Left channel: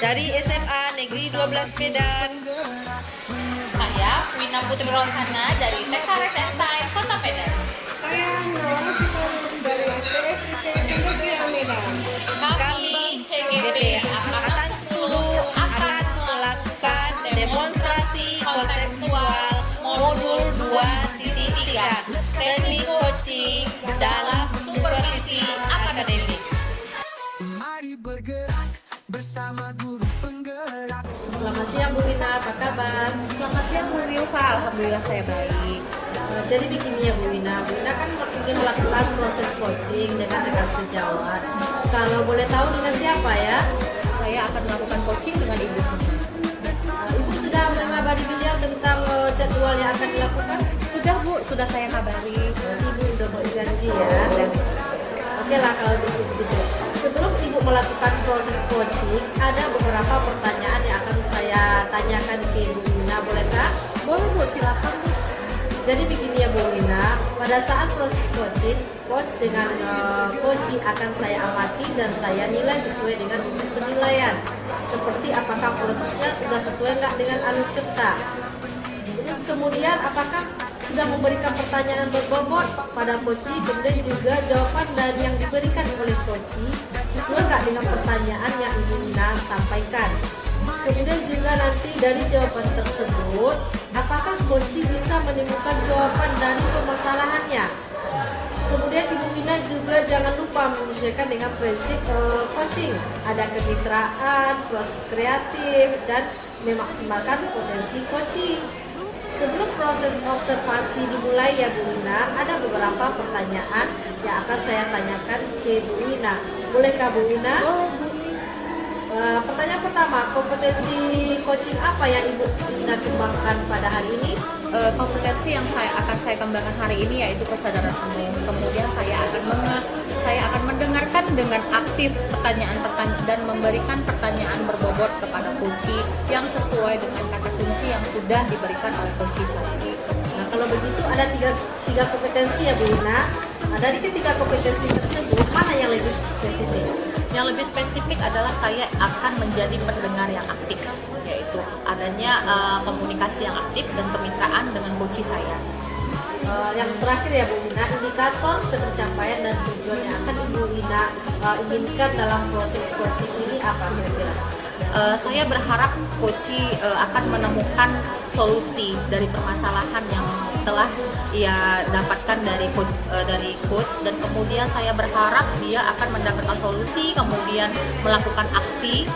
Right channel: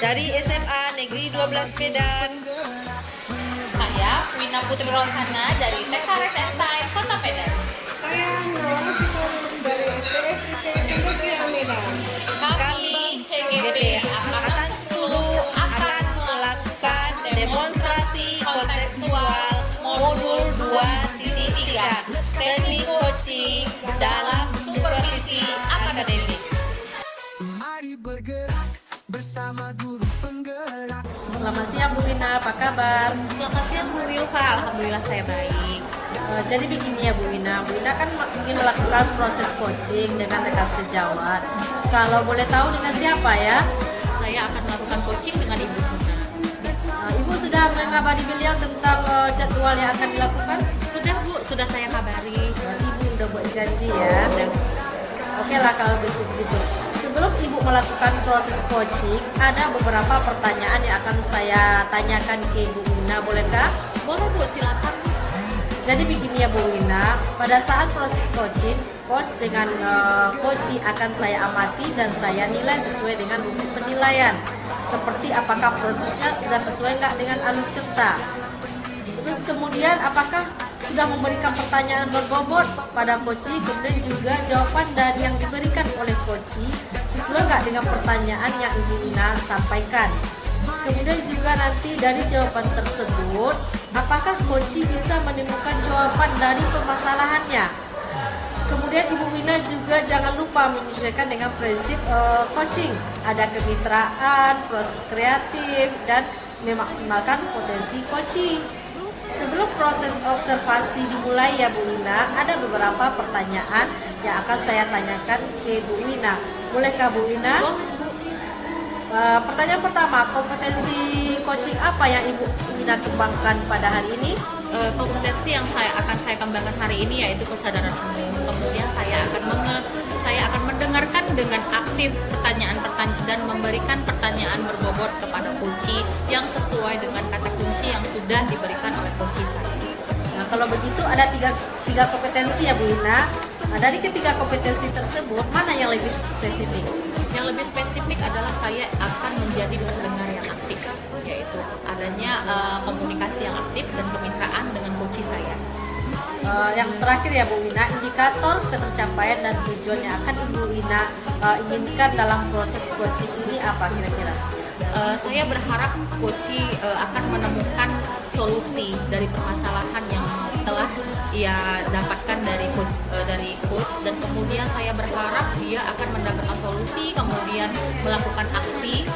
dari SMA Negeri 12 Medan. Saya Wina Putri Rosana dari TK Resensain Kota Medan. Saya Munawara Sitorus dari STSIT Cendekia Medan. Kami CGP Angkatan 10 akan melakukan demonstrasi konseptual modul 2.3 teknik coaching dalam supervisi akademik. Mari bergerak bersama guru penggerak. Selamat siang Bu Wina, apa kabar? Selamat siang Bu Rilva, alhamdulillah saya baik. Jadi begini ya Bu Wina kan ingin melakukan proses coaching dengan dekat sejawat. Kalau boleh tahu dengan siapa ya? Saya akan melakukan coaching dengan Ibu Muna. Ibu sudah mengabari beliau tentang jadwal yang akan dilakukan? Sudah Bu, sudah saya kabari. Ibu udah berjanji ya? Oke lah kalau begitu. Sebelum Ibu melakukan proses coaching, ada beberapa pertanyaan yang akan saya tanyakan ke Ibu Wina, bolehkah? Boleh Bu, silakan Bu. Jadi begini ya Bu Wina, pada saat proses coaching, coach dengan coaching akan saya amati dan saya nilai sesuai dengan penilaian. Seperti apakah prosesnya sudah sesuai nggak dengan alur kita. Terus kemudian apakah sudah memberikan pertanyaan berbobot pada coaching, kemudian juga jawaban dari yang diberikan oleh coaching sesuai nggak dengan pertanyaan yang Ibu Wina sampaikan. Kemudian juga nanti dari jawaban tersebut, apakah coaching bisa menemukan jawaban dari permasalahannya. Kemudian Ibu Wina juga jangan lupa menyesuaikan dengan prinsip coaching. Ada kemitraan, proses kreatif, dan memaksimalkan potensi coaching. Sebelum proses observasi dimulai ya Bu Wina, ada beberapa pertanyaan yang akan saya tanyakan ke Bu Wina. Bolehkah Bu Wina? Pertanyaan pertama, kompetensi coaching apa yang Ibu Wina kembangkan pada hari ini? Kompetensi yang akan saya kembangkan hari ini yaitu kesadaran umum. Kemudian saya akan mendengarkan dengan aktif pertanyaan-pertanyaan dan memberikan pertanyaan berbobot kepada coach yang sesuai dengan kata kunci yang sudah diberikan oleh coach saya. Nah, kalau begitu ada tiga kompetensi ya Bu Wina. Nah, dari ketiga kompetensi tersebut mana yang lebih spesifik? Yang lebih spesifik adalah saya akan menjadi pendengar yang aktif, yaitu adanya komunikasi yang aktif dan kemitraan dengan coach saya. Yang terakhir ya Bu Wina, indikator ketercapaian dan tujuan yang akan Ibu Wina inginkan dalam proses coaching ini apa kira-kira? Saya berharap coach akan menemukan solusi dari permasalahan yang telah ia dapatkan dari coach dan kemudian saya berharap dia akan mendapatkan solusi, kemudian melakukan aksi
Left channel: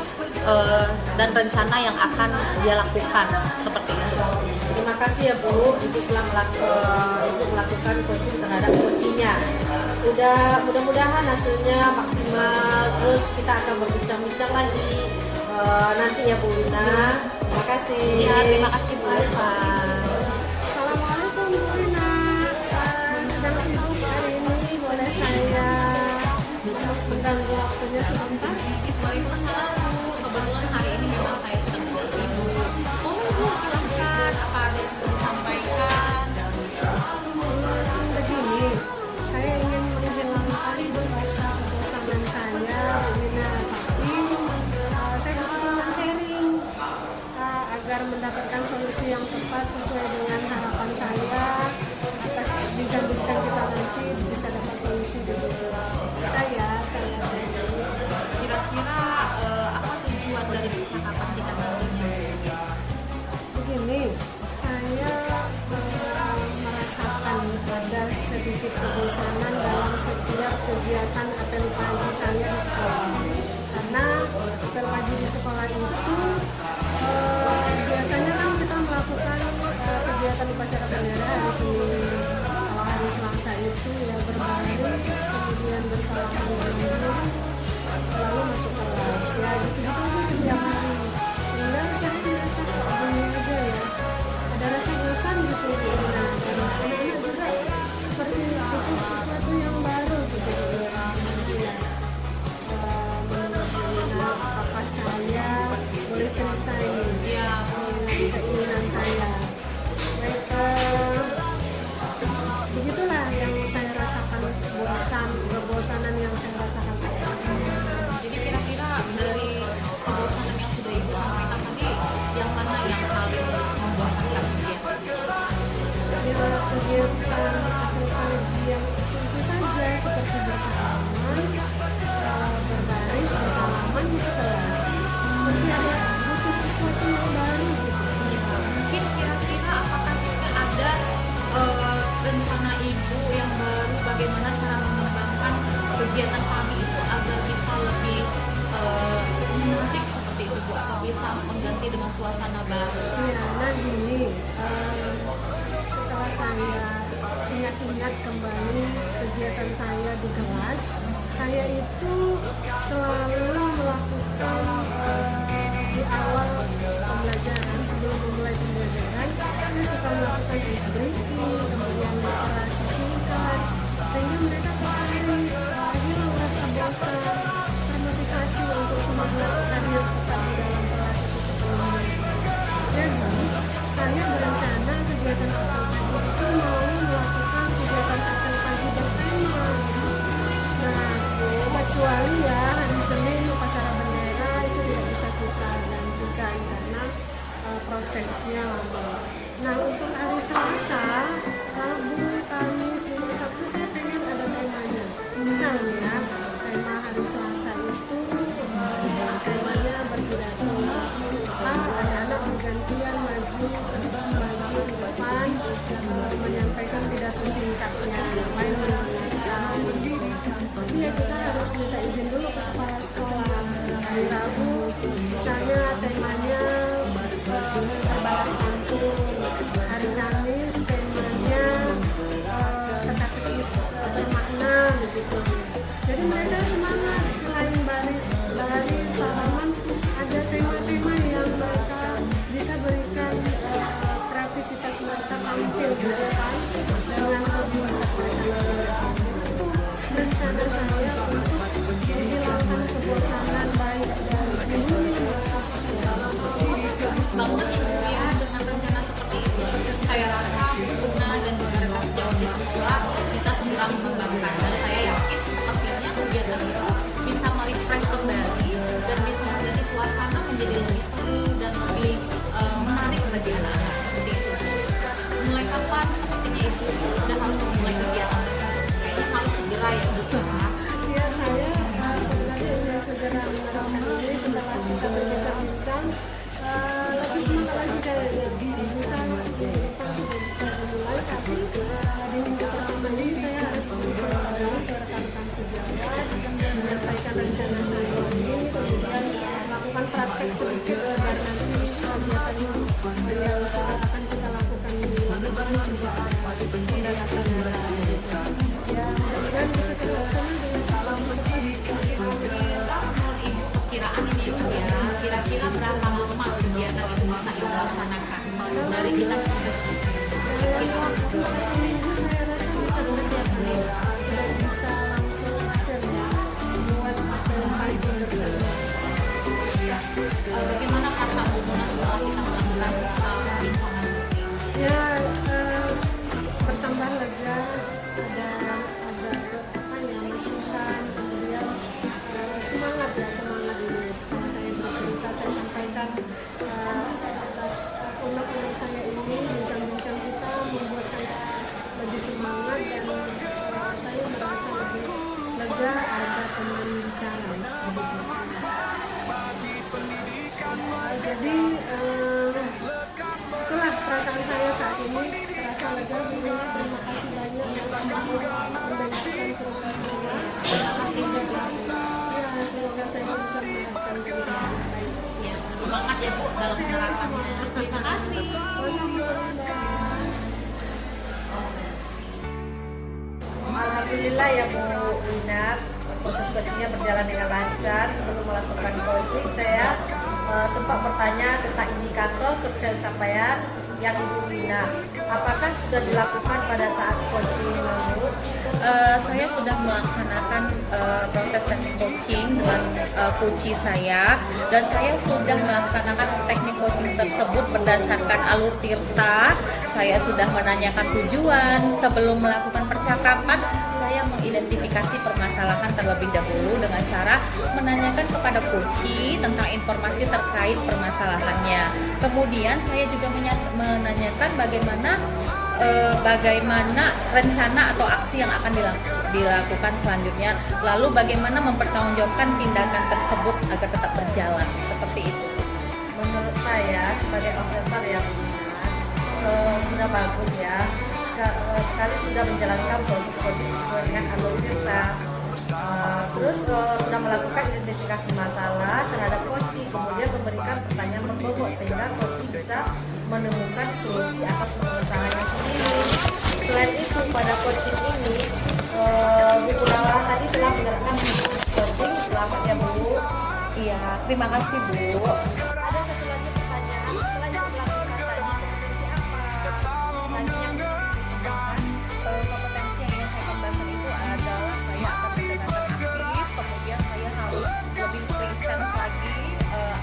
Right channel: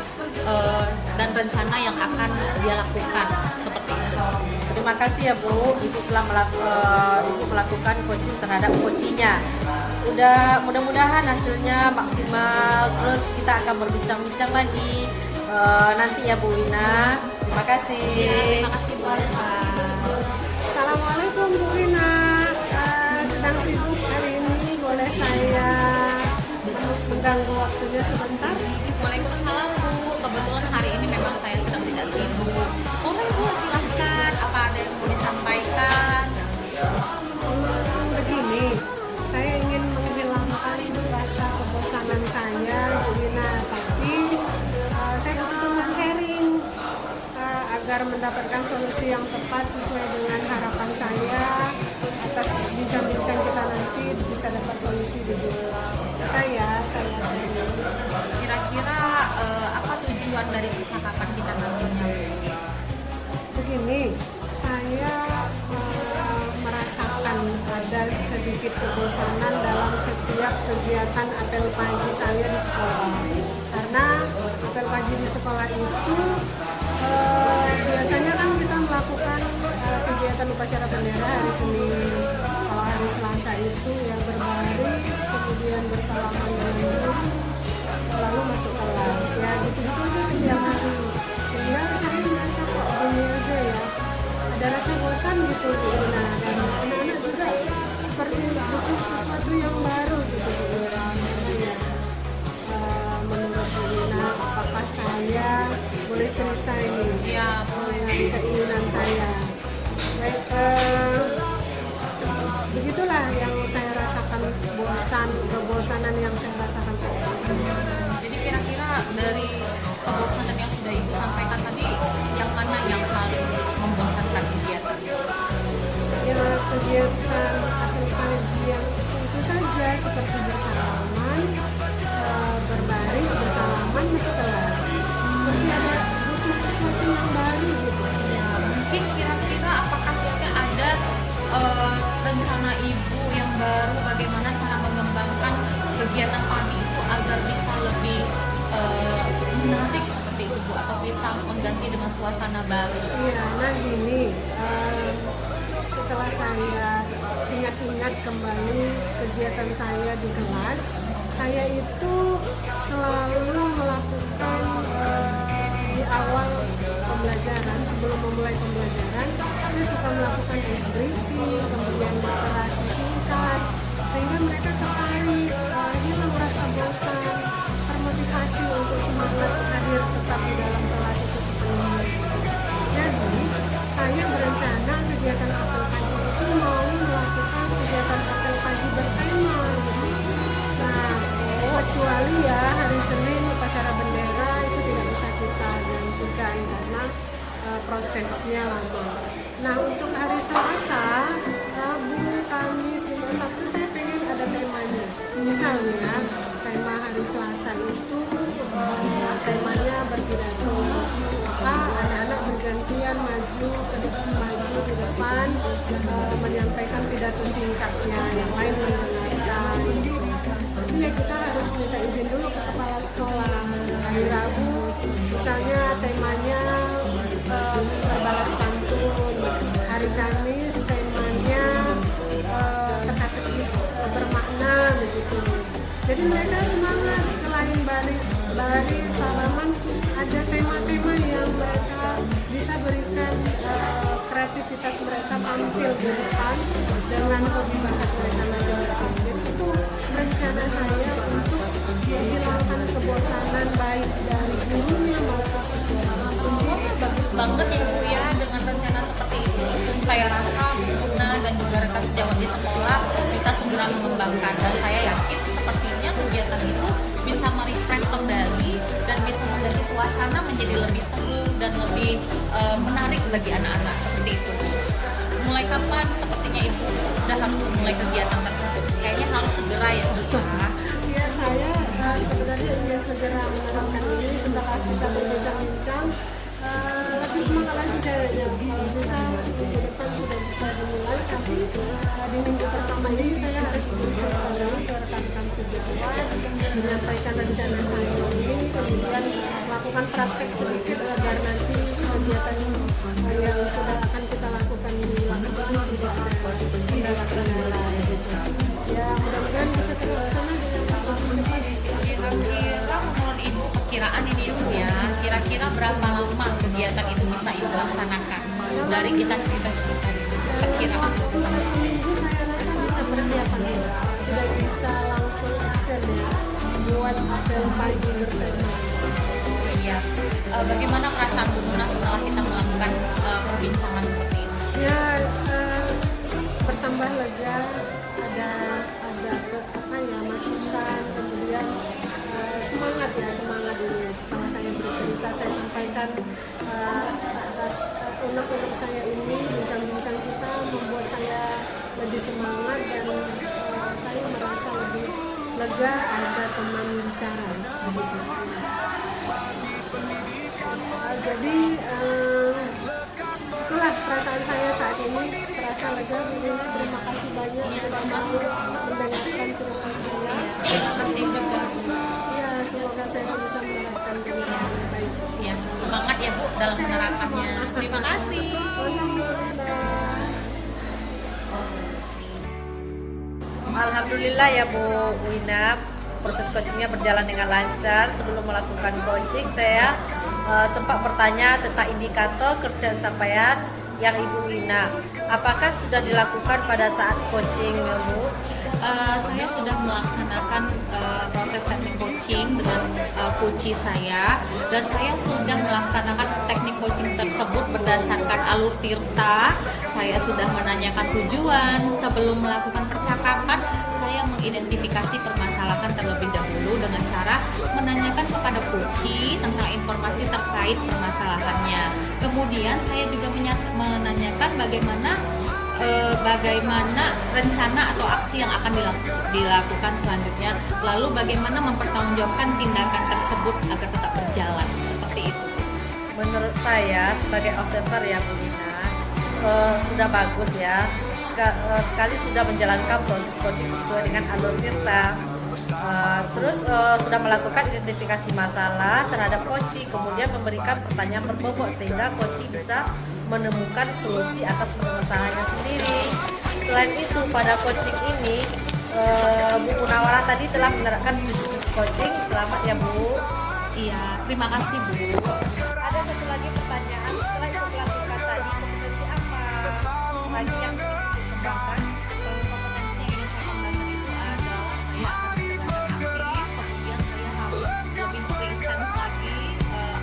dan rencana yang akan dia lakukan seperti itu. Terima kasih ya Bu, Ibu telah melakukan coaching terhadap coachingnya. Mudah-mudahan hasilnya maksimal. Terus kita akan berbincang-bincang lagi nanti ya Bu Wina. Terima kasih. Ya, terima kasih Bu Eva. Assalamualaikum Bu Wina. Sedang sibuk hari ini, boleh saya mengganggu waktunya sebentar? Waalaikumsalam Bu, kebetulan hari ini memang saya sedang tidak sibuk. Boleh Bu, silahkan. Apa ada yang mau disampaikan? Begini, saya ingin menghilangkan rasa kebosanan saya Bu Wina, tapi saya butuh teman sharing agar mendapatkan solusi yang tepat sesuai dengan harapan saya. Atas bincang-bincang kita nanti bisa dapat solusi di saya sharing. Kira-kira apa tujuan dari percakapan kita nanti? Begini, saya merasakan ada sedikit kebosanan dalam setiap kegiatan apel pagi saya di sekolah. Karena apel pagi di sekolah itu biasanya kan kita melakukan kegiatan upacara bendera hari Senin. Kalau hari Selasa itu ya berbaris, kemudian bersalaman dengan guru, lalu masuk kelas. Ya gitu-gitu aja setiap hari. Sehingga saya merasa kok gini aja ya. Ada rasa bosan gitu Bu Ina, dan anak-anak juga seperti butuh sesuatu yang baru gitu Bu Ina. Menurut Bu Ina, apakah saya boleh cerita ini dengan keinginan saya? Baik, begitulah yang saya rasakan, kebosanan yang saya rasakan saat ini. Jadi kira-kira dari kebosanan yang Ibu atau bisa mengganti dengan suasana baru? Iya, nah gini, setelah saya ingat-ingat kembali kegiatan saya di kelas, saya itu selalu melakukan di awal pembelajaran, sebelum memulai pembelajaran, saya suka melakukan ice breaking, kemudian literasi singkat, sehingga mereka tertarik, hilang rasa bosan, termotivasi untuk semangat hadir tetap di dalam kelas itu sepenuhnya. Jadi, saya berencana kegiatan apel pagi itu mau melakukan kegiatan apel pagi bertema gitu. Nah, kecuali ya hari Senin upacara bendera itu tidak bisa kita gantikan karena prosesnya lama. Nah, untuk hari Selasa, Rabu, Kamis, Jumat, Sabtu saya pengen ada temanya. Misalnya tema hari Selasa itu temanya berpidato. Anak-anak bergantian maju di depan menyampaikan pidato singkatnya, yang lain mendengarkan. Tapi ya kita harus minta izin dulu ke kepala sekolah. Hari Rabu misalnya temanya berbalas pantun. Hari Kamis temanya teka-teki bermakna begitu. Jadi mereka semangat, selain baris salaman ada tema-tema yang mereka bisa berikan kreativitas mereka tampil di depan dengan hobi bakat mereka masing-masing. Jadi itu rencana saya untuk menghilangkan kebosanan baik dari gurunya maupun siswa. Bagus banget ya Bu ya dengan rencana seperti itu. Saya rasa Bunda dan juga rekan sejawat di sekolah bisa segera mengembangkan, dan saya yakin sepertinya kegiatan itu bisa merefresh kembali dan bisa menjadi suasana menjadi lebih seru dan lebih menarik bagi anak-anak seperti itu. Mulai kapan sepertinya Ibu sudah harus memulai kegiatan tersebut? Kayaknya harus segera ya Bu. Ya, saya sebenarnya ingin segera menerapkan ini setelah kita berbincang-bincang. Lebih semangat lagi kayaknya, bisa minggu depan sudah bisa dimulai, tapi di minggu pertama ini saya harus bercerita dulu ke rekan-rekan sejawat, menyampaikan rencana saya ini, kemudian melakukan praktek sedikit agar nanti kegiatan yang sudah akan kita lakukan di lapangan juga ada kendala-kendala gitu. Ya, mudah-mudahan bisa terlaksana dengan lebih cepat. Kira-kira menurut Ibu perkiraan ini Ibu ya, kira-kira berapa lama kegiatan itu bisa Ibu laksanakan dari kita sampai selesai? Dalam waktu 1 minggu saya rasa bisa persiapan, sudah bisa langsung action ya buat apel pagi bertema. Iya. Bagaimana perasaan Bu Muna setelah kita melakukan perbincangan seperti ini? Ya, bertambah lega, ada masukan, kemudian semangat ini. Setelah saya bercerita, saya sampaikan atas unek-unek saya ini, bincang-bincang kita membuat saya lebih semangat dan saya merasa lebih lega, ada teman bicara begitu. Jadi itulah perasaan saya saat ini, terasa lega. Bunda, terima kasih banyak sudah mau mendengarkan cerita saya. Semoga saya bisa menerapkan dengan baik. Ya, semangat ya Bu dalam menerapkannya. Terima kasih. Alhamdulillah ya Bu Wina, proses coachingnya berjalan dengan lancar. Sebelum melakukan coaching, saya sempat bertanya tentang indikator kerja capaian yang Ibu Wina. Apakah sudah dilakukan pada saat coaching Bu? Saya sudah melaksanakan proses teknik coaching dengan coach saya, dan saya sudah melaksanakan teknik coaching tersebut berdasarkan alur tirta. Saya sudah menanyakan tujuan sebelum melakukan percakapan. Saya mengidentifikasi permasalahan terlebih dahulu dengan cara menanyakan kepada coach tentang informasi terkait permasalahannya. Kemudian saya juga menanyakan bagaimana rencana atau aksi yang akan dilakukan selanjutnya, lalu bagaimana mempertanggungjawabkan tindakan tersebut agar tetap berjalan, seperti itu. Menurut saya sebagai observer ya Bu Wina, sudah bagus ya, sekali sudah menjalankan proses coaching sesuai dengan alur tirta. Terus sudah melakukan identifikasi masalah terhadap coaching, kemudian memberikan pertanyaan berbobot sehingga coach bisa menemukan solusi atas masalahnya sendiri. Selain itu pada coaching ini Bu Rama tadi telah menerapkan coaching. Selamat ya Bu. Iya, terima kasih Bu. Ada satu lagi pertanyaan, selain yang telah mengatakan kompetensi apa lagi yang dikembangkan? Kompetensi yang ingin saya kembangkan itu adalah saya akan mendengarkan aktif, kemudian saya harus lebih presence lagi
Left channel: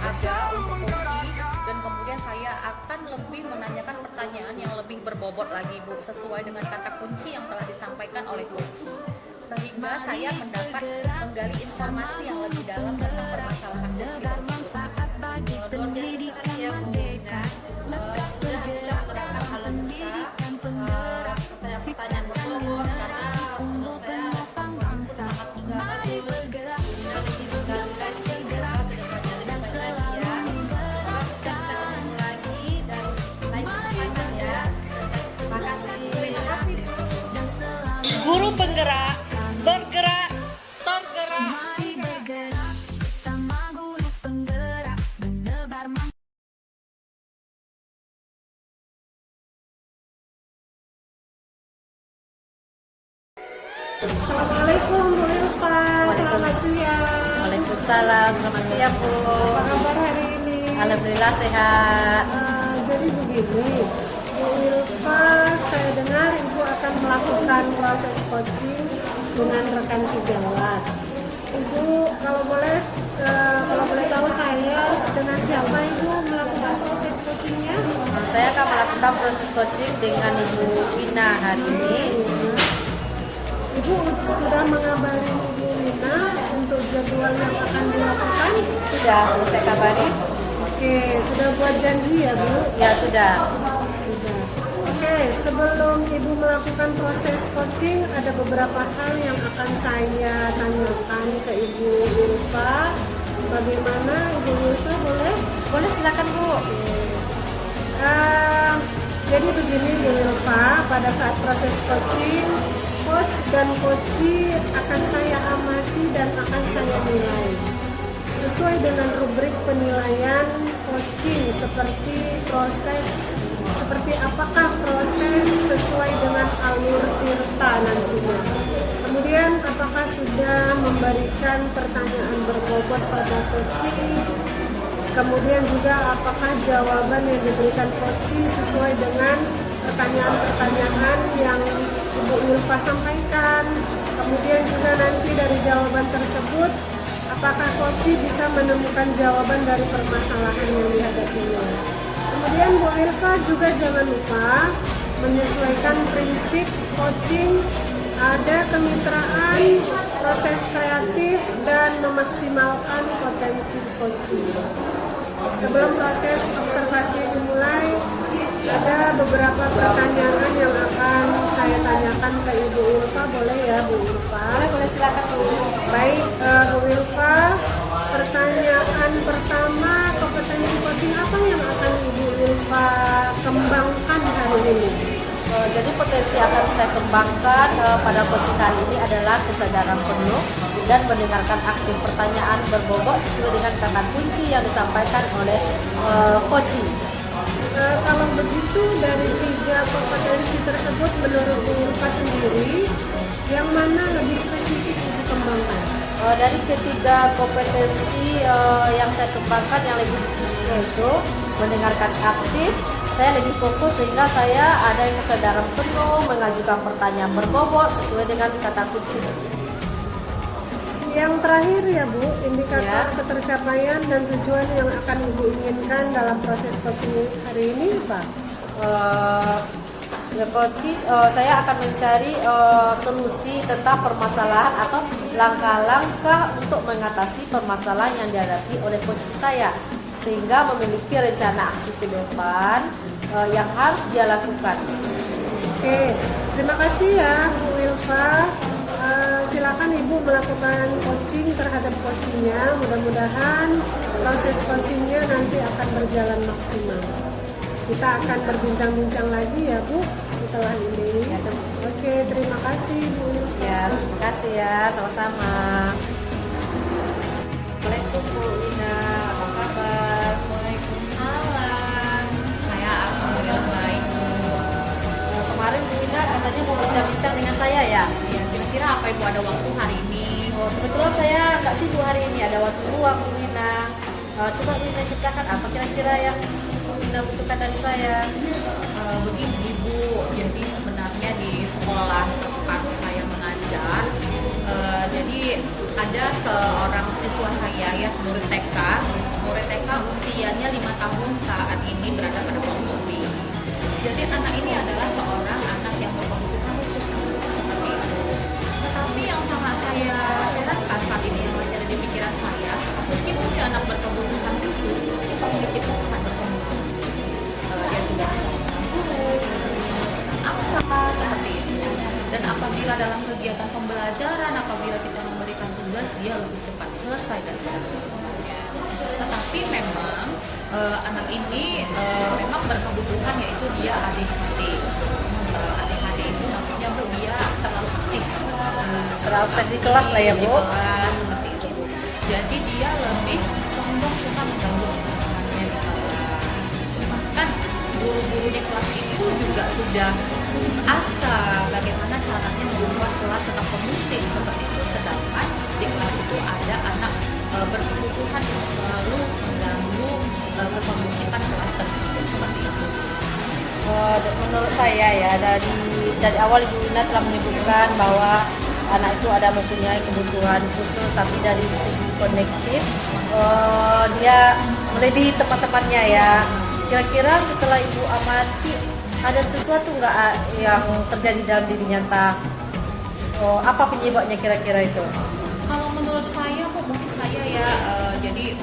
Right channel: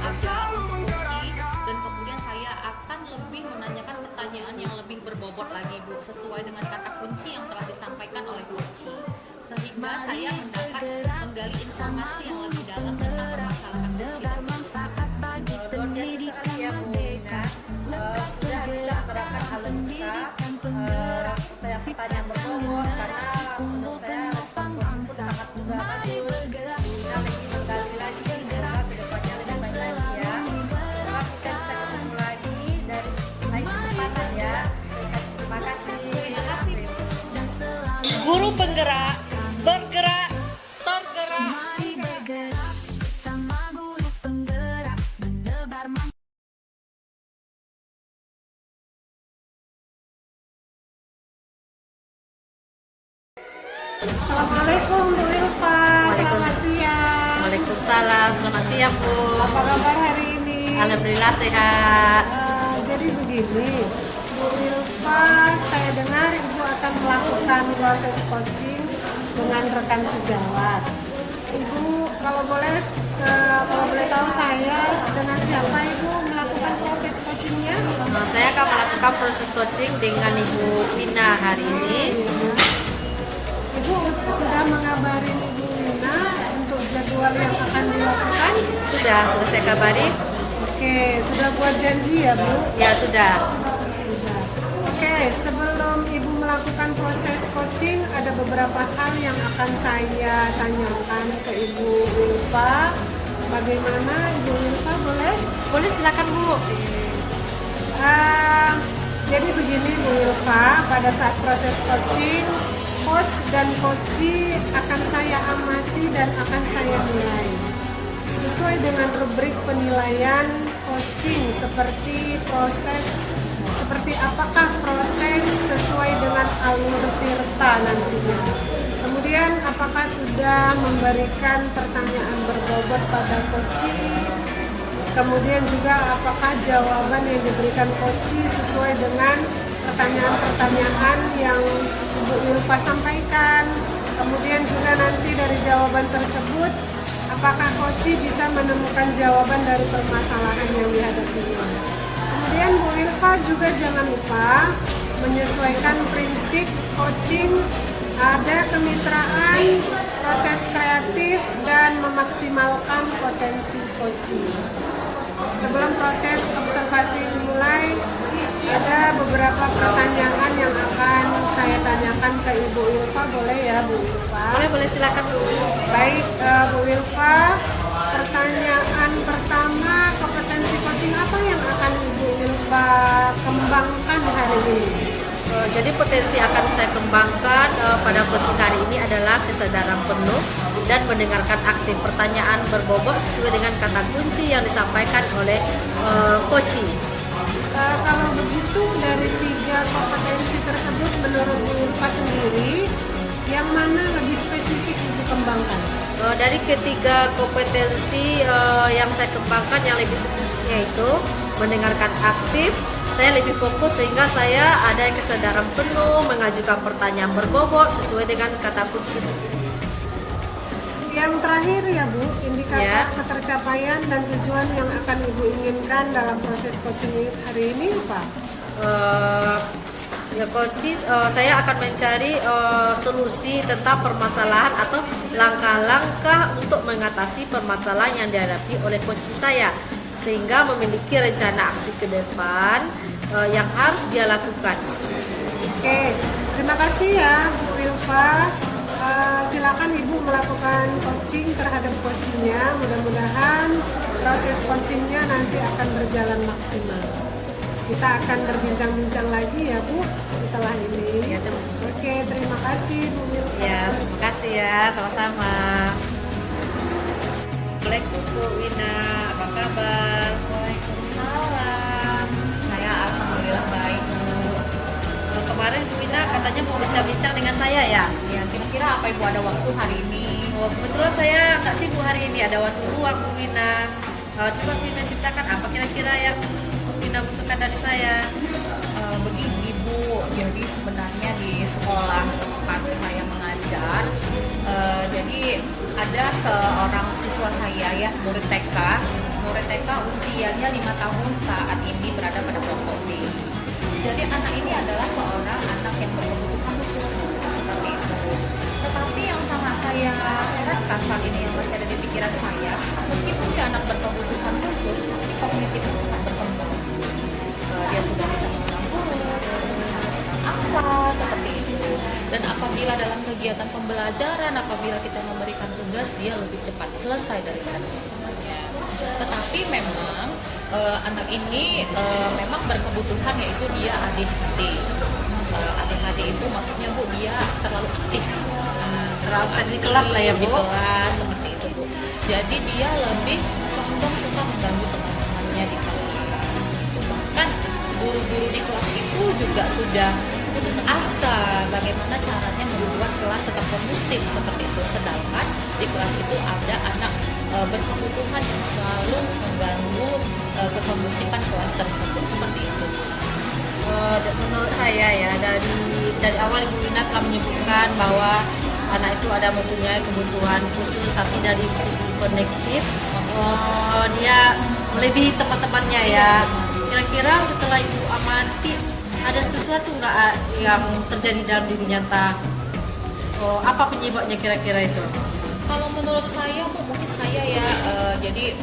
ada untuk kunci, dan kemudian saya akan lebih menanyakan pertanyaan yang lebih berbobot lagi Bu, sesuai dengan kata kunci yang telah disampaikan oleh kunci, sehingga saya mendapat menggali informasi yang lebih dalam tentang permasalahan kunci tersebut. bagi pendidikan merdeka, lekas bergerak dalam pendidikan penggerak, ciptakan generasi unggul penopang bangsa. Mari bergerak, lekas bergerak, dan selalu menggerakkan. Mari bergerak, dan selalu Guru penggerak bergerak Tergerak. mari bergerak, sama guru penggerak, menebar Assalamualaikum Bu Ilva, selamat siang. Waalaikumsalam, selamat siang Bu. Apa kabar hari ini? Alhamdulillah sehat. Jadi begini, Bu Ilva, saya dengar Ibu akan melakukan proses coaching dengan rekan sejawat. Ibu, kalau boleh tahu saya dengan siapa Ibu melakukan proses coachingnya? Saya akan melakukan proses coaching dengan Ibu Wina hari ini. Ibu sudah mengabari Ibu Wina untuk jadwal yang akan dilakukan? Sudah selesai kabari? Oke, sudah buat janji ya Bu? Ya sudah. Sudah. Oke, sebelum Ibu melakukan proses coaching, ada beberapa hal yang akan saya tanyakan ke Ibu Ilva. Bagaimana Ibu Ilva, boleh? Boleh silakan Bu. Jadi begini Bu Ilva, pada saat proses coaching, coach dan coachee akan saya amati dan akan saya nilai sesuai dengan rubrik penilaian coaching, seperti apakah proses sesuai dengan alur tirta nantinya. Kemudian apakah sudah memberikan pertanyaan berbobot pada coachee. Kemudian juga apakah jawaban yang diberikan coachee sesuai dengan pertanyaan-pertanyaan yang Ibu Ilva sampaikan. Kemudian juga nanti dari jawaban tersebut, apakah coachee bisa menemukan jawaban dari permasalahan yang dihadapinya. Kemudian Bu Ilva juga jangan lupa menyesuaikan prinsip coaching, ada kemitraan, proses kreatif, dan memaksimalkan potensi coaching. Sebelum proses observasi dimulai, ada beberapa pertanyaan yang akan saya tanyakan ke Ibu Ilva, boleh ya Bu Ilva? Boleh silakan Bu. Baik Bu Ilva, pertanyaan pertama, kompetensi coaching apa yang akan Ibu Ilva kembangkan hari ini? Jadi potensi akan saya kembangkan pada coaching hari ini adalah kesadaran penuh dan mendengarkan aktif pertanyaan berbobot sesuai dengan kata kunci yang disampaikan oleh coaching. Kalau begitu dari 3 kompetensi tersebut menurut Bu Ilva sendiri, yang mana lebih spesifik Ibu kembangkan? Dari ketiga kompetensi yang saya kembangkan yang lebih spesifiknya itu mendengarkan aktif, saya lebih fokus sehingga saya ada kesadaran penuh mengajukan pertanyaan berbobot sesuai dengan kata kunci. Yang terakhir ya Bu, indikator Ya. ketercapaian dan tujuan yang akan Ibu inginkan dalam proses coaching hari ini apa? Ya coaches, saya akan mencari solusi tentang permasalahan atau langkah-langkah untuk mengatasi permasalahan yang dihadapi oleh coach saya sehingga memiliki rencana aksi ke depan yang harus dia lakukan. Oke, terima kasih ya Bu Ilva. Silakan Ibu melakukan coaching terhadap coachingnya. Mudah-mudahan proses coachingnya nanti akan berjalan maksimal. Kita akan berbincang-bincang lagi ya Bu setelah ini. Ya, Oke, terima kasih Bu Ilva. Ya, terima kasih ya, sama-sama. Assalamualaikum Bu Wina, apa kabar? Ibu ada waktu hari ini? Oh, kebetulan saya nggak sibuk hari ini, ada waktu luang Bu Wina. Coba Bu Wina ceritakan apa kira-kira yang Bu Wina butuhkan dari saya. Begini Bu, jadi sebenarnya di sekolah tempat saya mengajar, jadi ada seorang siswa saya ya, murid TK usianya 5 tahun saat ini berada pada kelompok B. Jadi anak ini adalah seorang anak yang berkebutuhan khusus seperti itu. Tetapi yang sangat saya herankan saat ini yang masih ada di pikiran saya, meskipun dia anak berkebutuhan khusus, tapi kognitifnya sangat berkembang. Dia sudah bisa apa seperti itu. Dan apabila dalam kegiatan pembelajaran, apabila kita memberikan tugas, dia lebih cepat selesai daripada kebutuhannya. Tetapi memang anak ini memang berkebutuhan, yaitu dia ADHD. ADHD itu maksudnya Bu, dia terlalu aktif, Terlalu di kelas lah ya di Bu. kelas seperti itu Bu. Jadi dia lebih condong suka mengganggu teman-temannya di kelas. Bahkan guru-guru di kelas itu juga sudah putus asa bagaimana caranya membuat kelas tetap kondusif seperti itu. Sedangkan di kelas itu ada anak berkebutuhan yang selalu mengganggu kekondusifan kelas tersebut seperti itu. Menurut saya ya, dari awal Ibu Wina telah menyebutkan bahwa anak itu ada mempunyai kebutuhan khusus, tapi dari segi kognitif dia melebihi teman-temannya ya. Kira-kira setelah Ibu amati, ada sesuatu nggak yang terjadi dalam dirinya? Apa penyebabnya kira-kira itu? Kalau menurut saya Bu, mungkin saya ya, jadi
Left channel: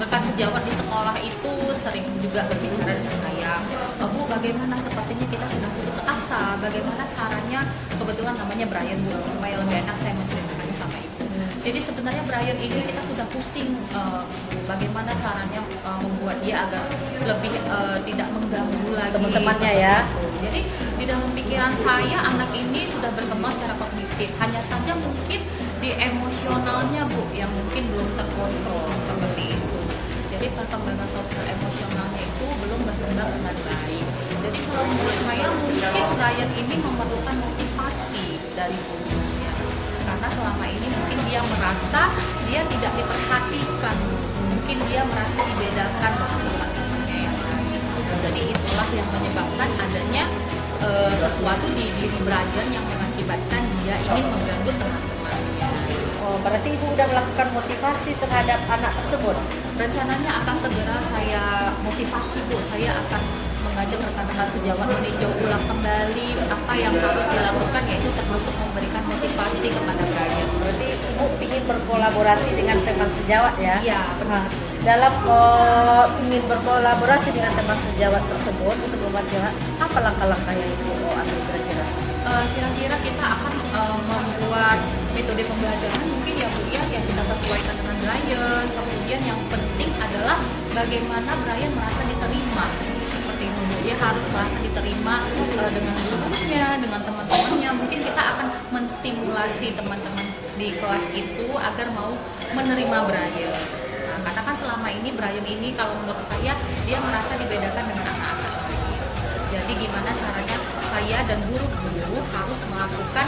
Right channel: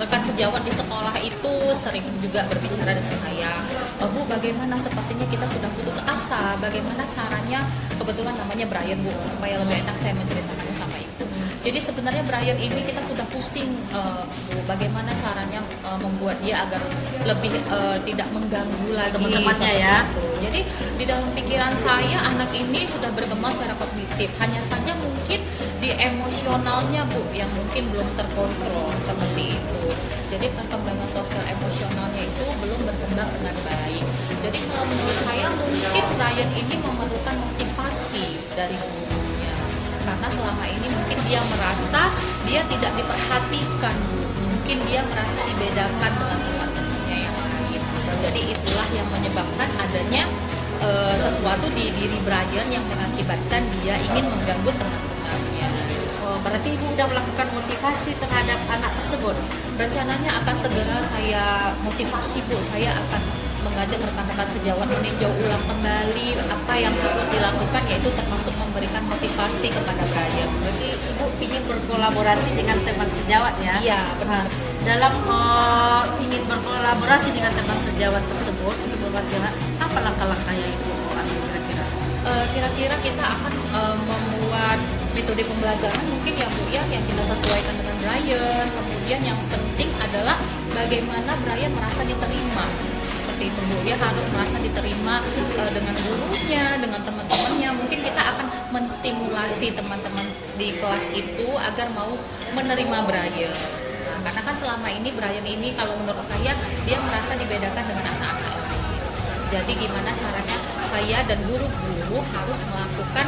rekan sejawat di sekolah itu sering juga berbicara dengan saya, Bu, bagaimana sepertinya kita sudah putus asa, bagaimana caranya, kebetulan namanya Brian Bu, supaya lebih enak saya menceritakannya sama Ibu. Jadi sebenarnya Brian ini kita sudah pusing, Bu, bagaimana caranya membuat dia agar lebih tidak mengganggu lagi Teman-temannya ya. Jadi di dalam pikiran saya anak ini sudah berkembang secara kognitif, hanya saja mungkin di emosionalnya Bu yang mungkin belum terkontrol seperti itu. Jadi perkembangan sosial emosionalnya itu belum berkembang dengan baik. Jadi kalau menurut saya mungkin Brian ini memerlukan motivasi dari gurunya, karena selama ini mungkin dia merasa dia tidak diperhatikan, mungkin dia merasa dibedakan dengan teman-temannya yang lain. Jadi itulah yang menyebabkan adanya sesuatu di diri Brian yang mengakibatkan dia ingin mengganggu teman-temannya. Berarti Ibu sudah melakukan motivasi terhadap anak tersebut. Rencananya akan segera saya motivasi Bu, saya akan mengajak rekan-rekan sejawat meninjau ulang kembali apa yang harus dilakukan, yaitu termasuk memberikan motivasi kepada Brian. Berarti Ibu ingin berkolaborasi dengan teman sejawat ya? Iya, benar. Dalam ingin berkolaborasi dengan teman sejawat tersebut untuk membantu, apa langkah-langkah yang Ibu ambil kira-kira? Kira-kira kita akan membuat metode pembelajaran mungkin ya Bu ya, yang kita sesuaikan dengan Brian. Kemudian yang penting adalah bagaimana Brian merasa diterima seperti itu Bu. Dia harus merasa diterima dengan gurunya, dengan teman-temannya. Mungkin kita akan menstimulasi teman-teman di kelas itu agar mau menerima Brian. Nah, karena kan selama ini Brian ini kalau menurut saya dia merasa dibedakan dengan anak-anak lain. Jadi gimana caranya saya dan guru-guru harus melakukan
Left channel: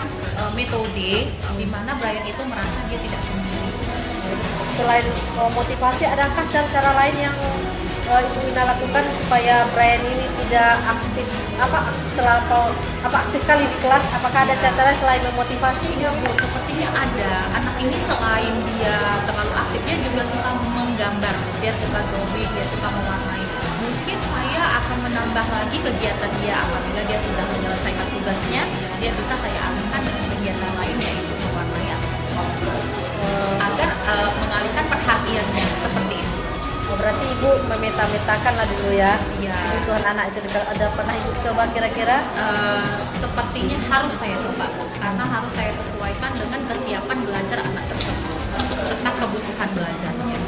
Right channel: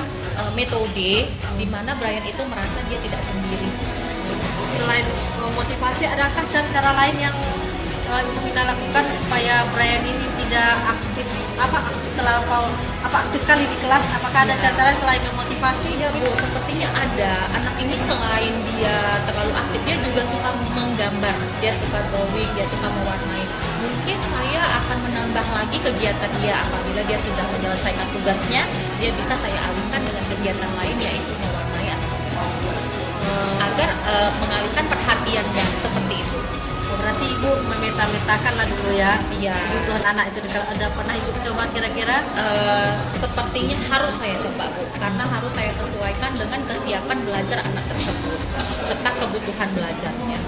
metode di mana Brian itu merasa dia tidak sendiri. Selain motivasi, adakah cara-cara lain yang Ibu Wina lakukan supaya Brian ini tidak aktif aktif kali di kelas? Apakah ada cara-cara selain memotivasi? Ya Bu, sepertinya ada. Anak ini selain dia terlalu aktif, dia juga suka menggambar, dia suka drawing, dia suka mewarnai. Mungkin saya akan menambah lagi kegiatan dia apabila dia sudah menyelesaikan tugasnya, dia bisa saya alihkan dengan kegiatan lain, yaitu mewarnai agar mengalihkan perhatiannya seperti itu. Berarti Ibu memeta-metakan lah dulu ya, Iya. kebutuhan anak itu. Ada pernah Ibu coba kira-kira? Sepertinya harus saya coba Bu, karena harus saya sesuaikan dengan kesiapan belajar anak tersebut serta kebutuhan belajarnya.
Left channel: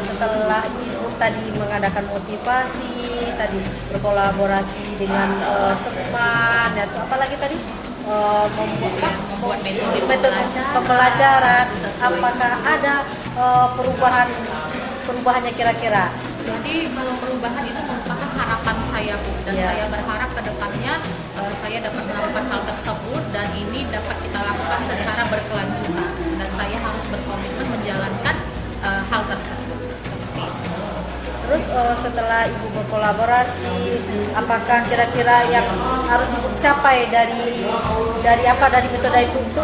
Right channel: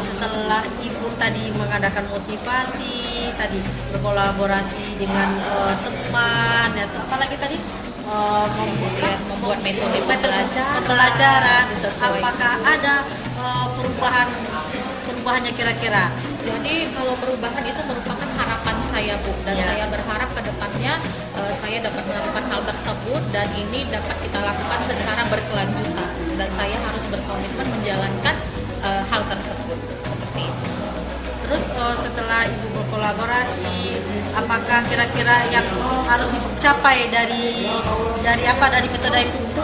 Setelah Ibu tadi mengadakan motivasi, tadi berkolaborasi dengan teman, atau apalagi tadi Membuat metode pembelajaran, disesuaikan. apakah ada perubahannya kira-kira? Jadi kalau perubahan itu merupakan harapan saya, Bu, dan Ya. saya berharap ke depannya saya dapat melakukan hal tersebut dan ini dapat kita lakukan secara berkelanjutan dan saya harus berkomitmen menjalankan hal tersebut. Seperti itu. Terus setelah Ibu berkolaborasi, apakah kira-kira yang harus Ibu capai dari metode itu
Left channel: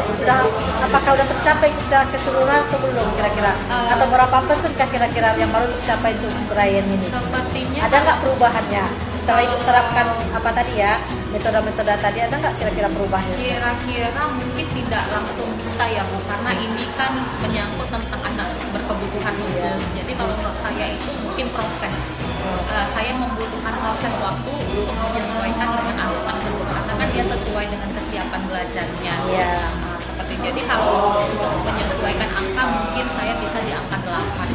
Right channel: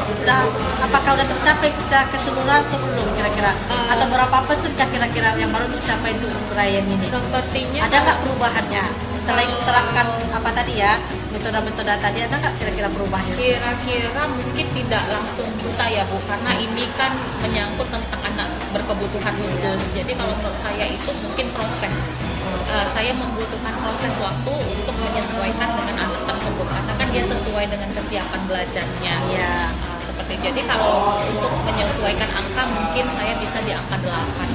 apakah udah tercapai secara keseluruhan atau belum kira-kira? Atau berapa persen kira-kira yang baru tercapai untuk si Brian ini? Sepertinya Ada nggak perubahannya setelah Ibu terapkan apa tadi ya, metode-metode tadi, ada nggak kira-kira perubahannya? kira-kira mungkin tidak langsung bisa ya, Bu, karena ini kan menyangkut tentang anak berkebutuhan khusus. Jadi kalau menurut saya itu mungkin proses. Saya membutuhkan proses waktu untuk menyesuaikan dengan anak tersebut karena kan dia sesuai dengan kesiapan belajarnya. Ya. Seperti jadi kalau untuk menyesuaikan angka mungkin saya bisa di angka 8.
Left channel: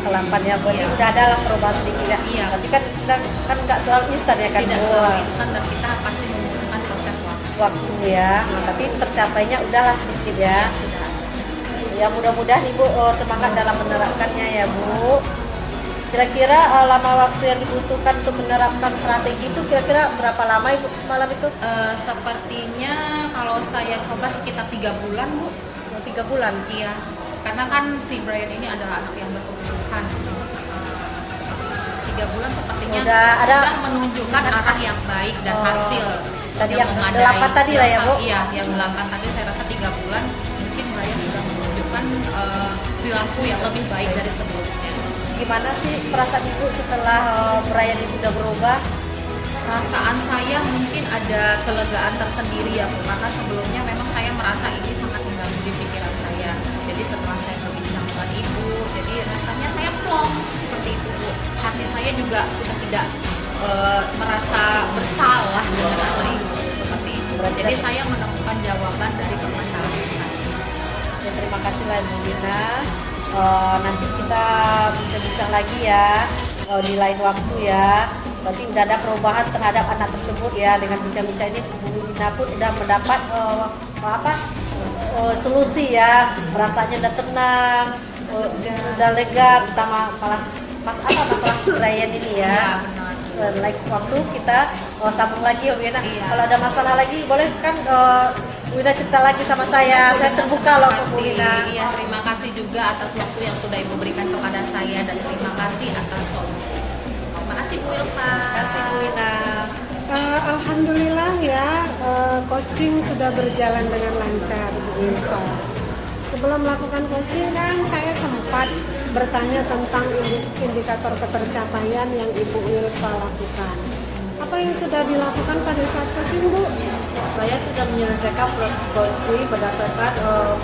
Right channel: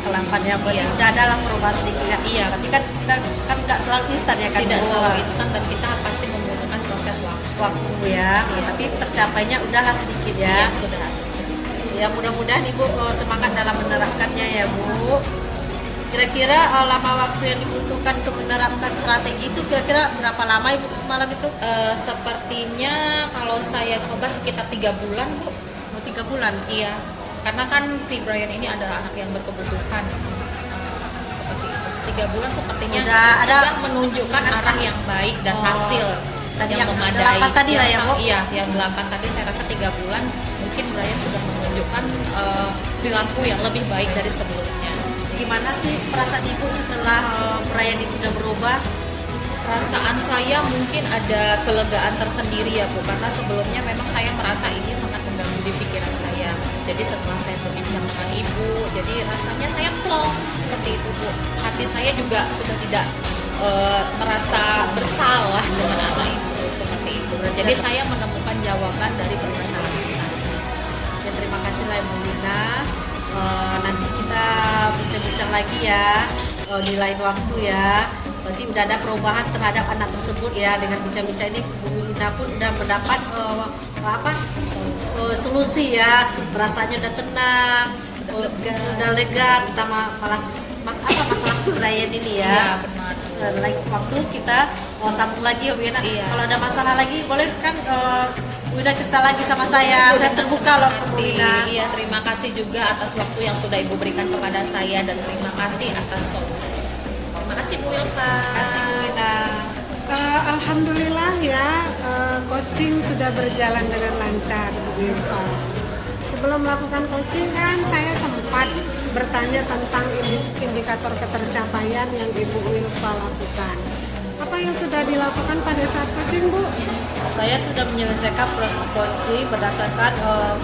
Kelampannya berarti Iya. udah ada lah perubahan sedikit ya. Iya. Berarti kan kita kan nggak selalu instan ya kan? Tidak Bu? selalu instan dan kita pasti membutuhkan proses waktu. Waktu ya, tapi tercapainya udahlah sedikit ya. Yang sudah ada. Ya mudah-mudahan Ibu semangat dalam menerapkannya ya Bu. Kira-kira lama waktu yang dibutuhkan untuk menerapkan strategi itu kira-kira berapa lama Ibu semalam itu? Sepertinya kalau saya coba sekitar 3 bulan, Bu. 3 bulan. Iya, karena kan si Brian ini adalah anak yang berkebutuhan. 3 bulan sepertinya Udah ada- sudah menunjukkan arah yang baik dan hasil tadi yang yang memadai. 8 tadi lah ya, Bu? Iya, yang 8 tadi saya rasa 3 bulan mungkin Brian sudah menunjukkan perilaku yang lebih baik dari sebelumnya. Gimana sih perasaan Ibu setelah Brian itu udah berubah? Perasaan saya mungkin ada kelegaan tersendiri ya, Bu, karena sebelumnya memang saya merasa ini sangat mengganggu di pikiran saya. Jadi setelah saya berbincang dengan Ibu, jadi rasanya saya plong seperti itu, Bu. Hati saya juga sudah tidak merasa bersalah dengan anak itu seperti itu. Jadi saya menemukan jawaban dari permasalahan saya. Ya, terima kasih lah Bu Lina. Nanti kita bincang-bincang lagi ya di lain waktu ya. Berarti udah ada perubahan terhadap anak tersebut ya. Dengan bincang-bincang ini Bu Lina pun udah mendapat solusi ya. Rasanya udah tenang, udah lega. Kita malah masalah si Brian ini ya. Iya, benar. Waktu kita sambung lagi ya Bu Lina. Iya. Kalau ada masalah lagi boleh kan udah cerita lagi sama saya. Saya terbuka loh Bu Lina. Iya, terima kasih juga atas waktu yang sudah Ibu berikan kepada saya dan terima kasih atas solusi. Terima kasih Bu Wilfa. Terima kasih Bu Lina. Alhamdulillah ya, coaching sudah berjalan dengan lancar Bu Wilfa. Sebelum melakukan coaching kan saya sempat bertanya tentang indikator ketercapaian yang Ibu Wilfa lakukan. Apa yang sudah dilakukan pada saat coaching, Bu? Saya sudah menyelesaikan proses coaching berdasarkan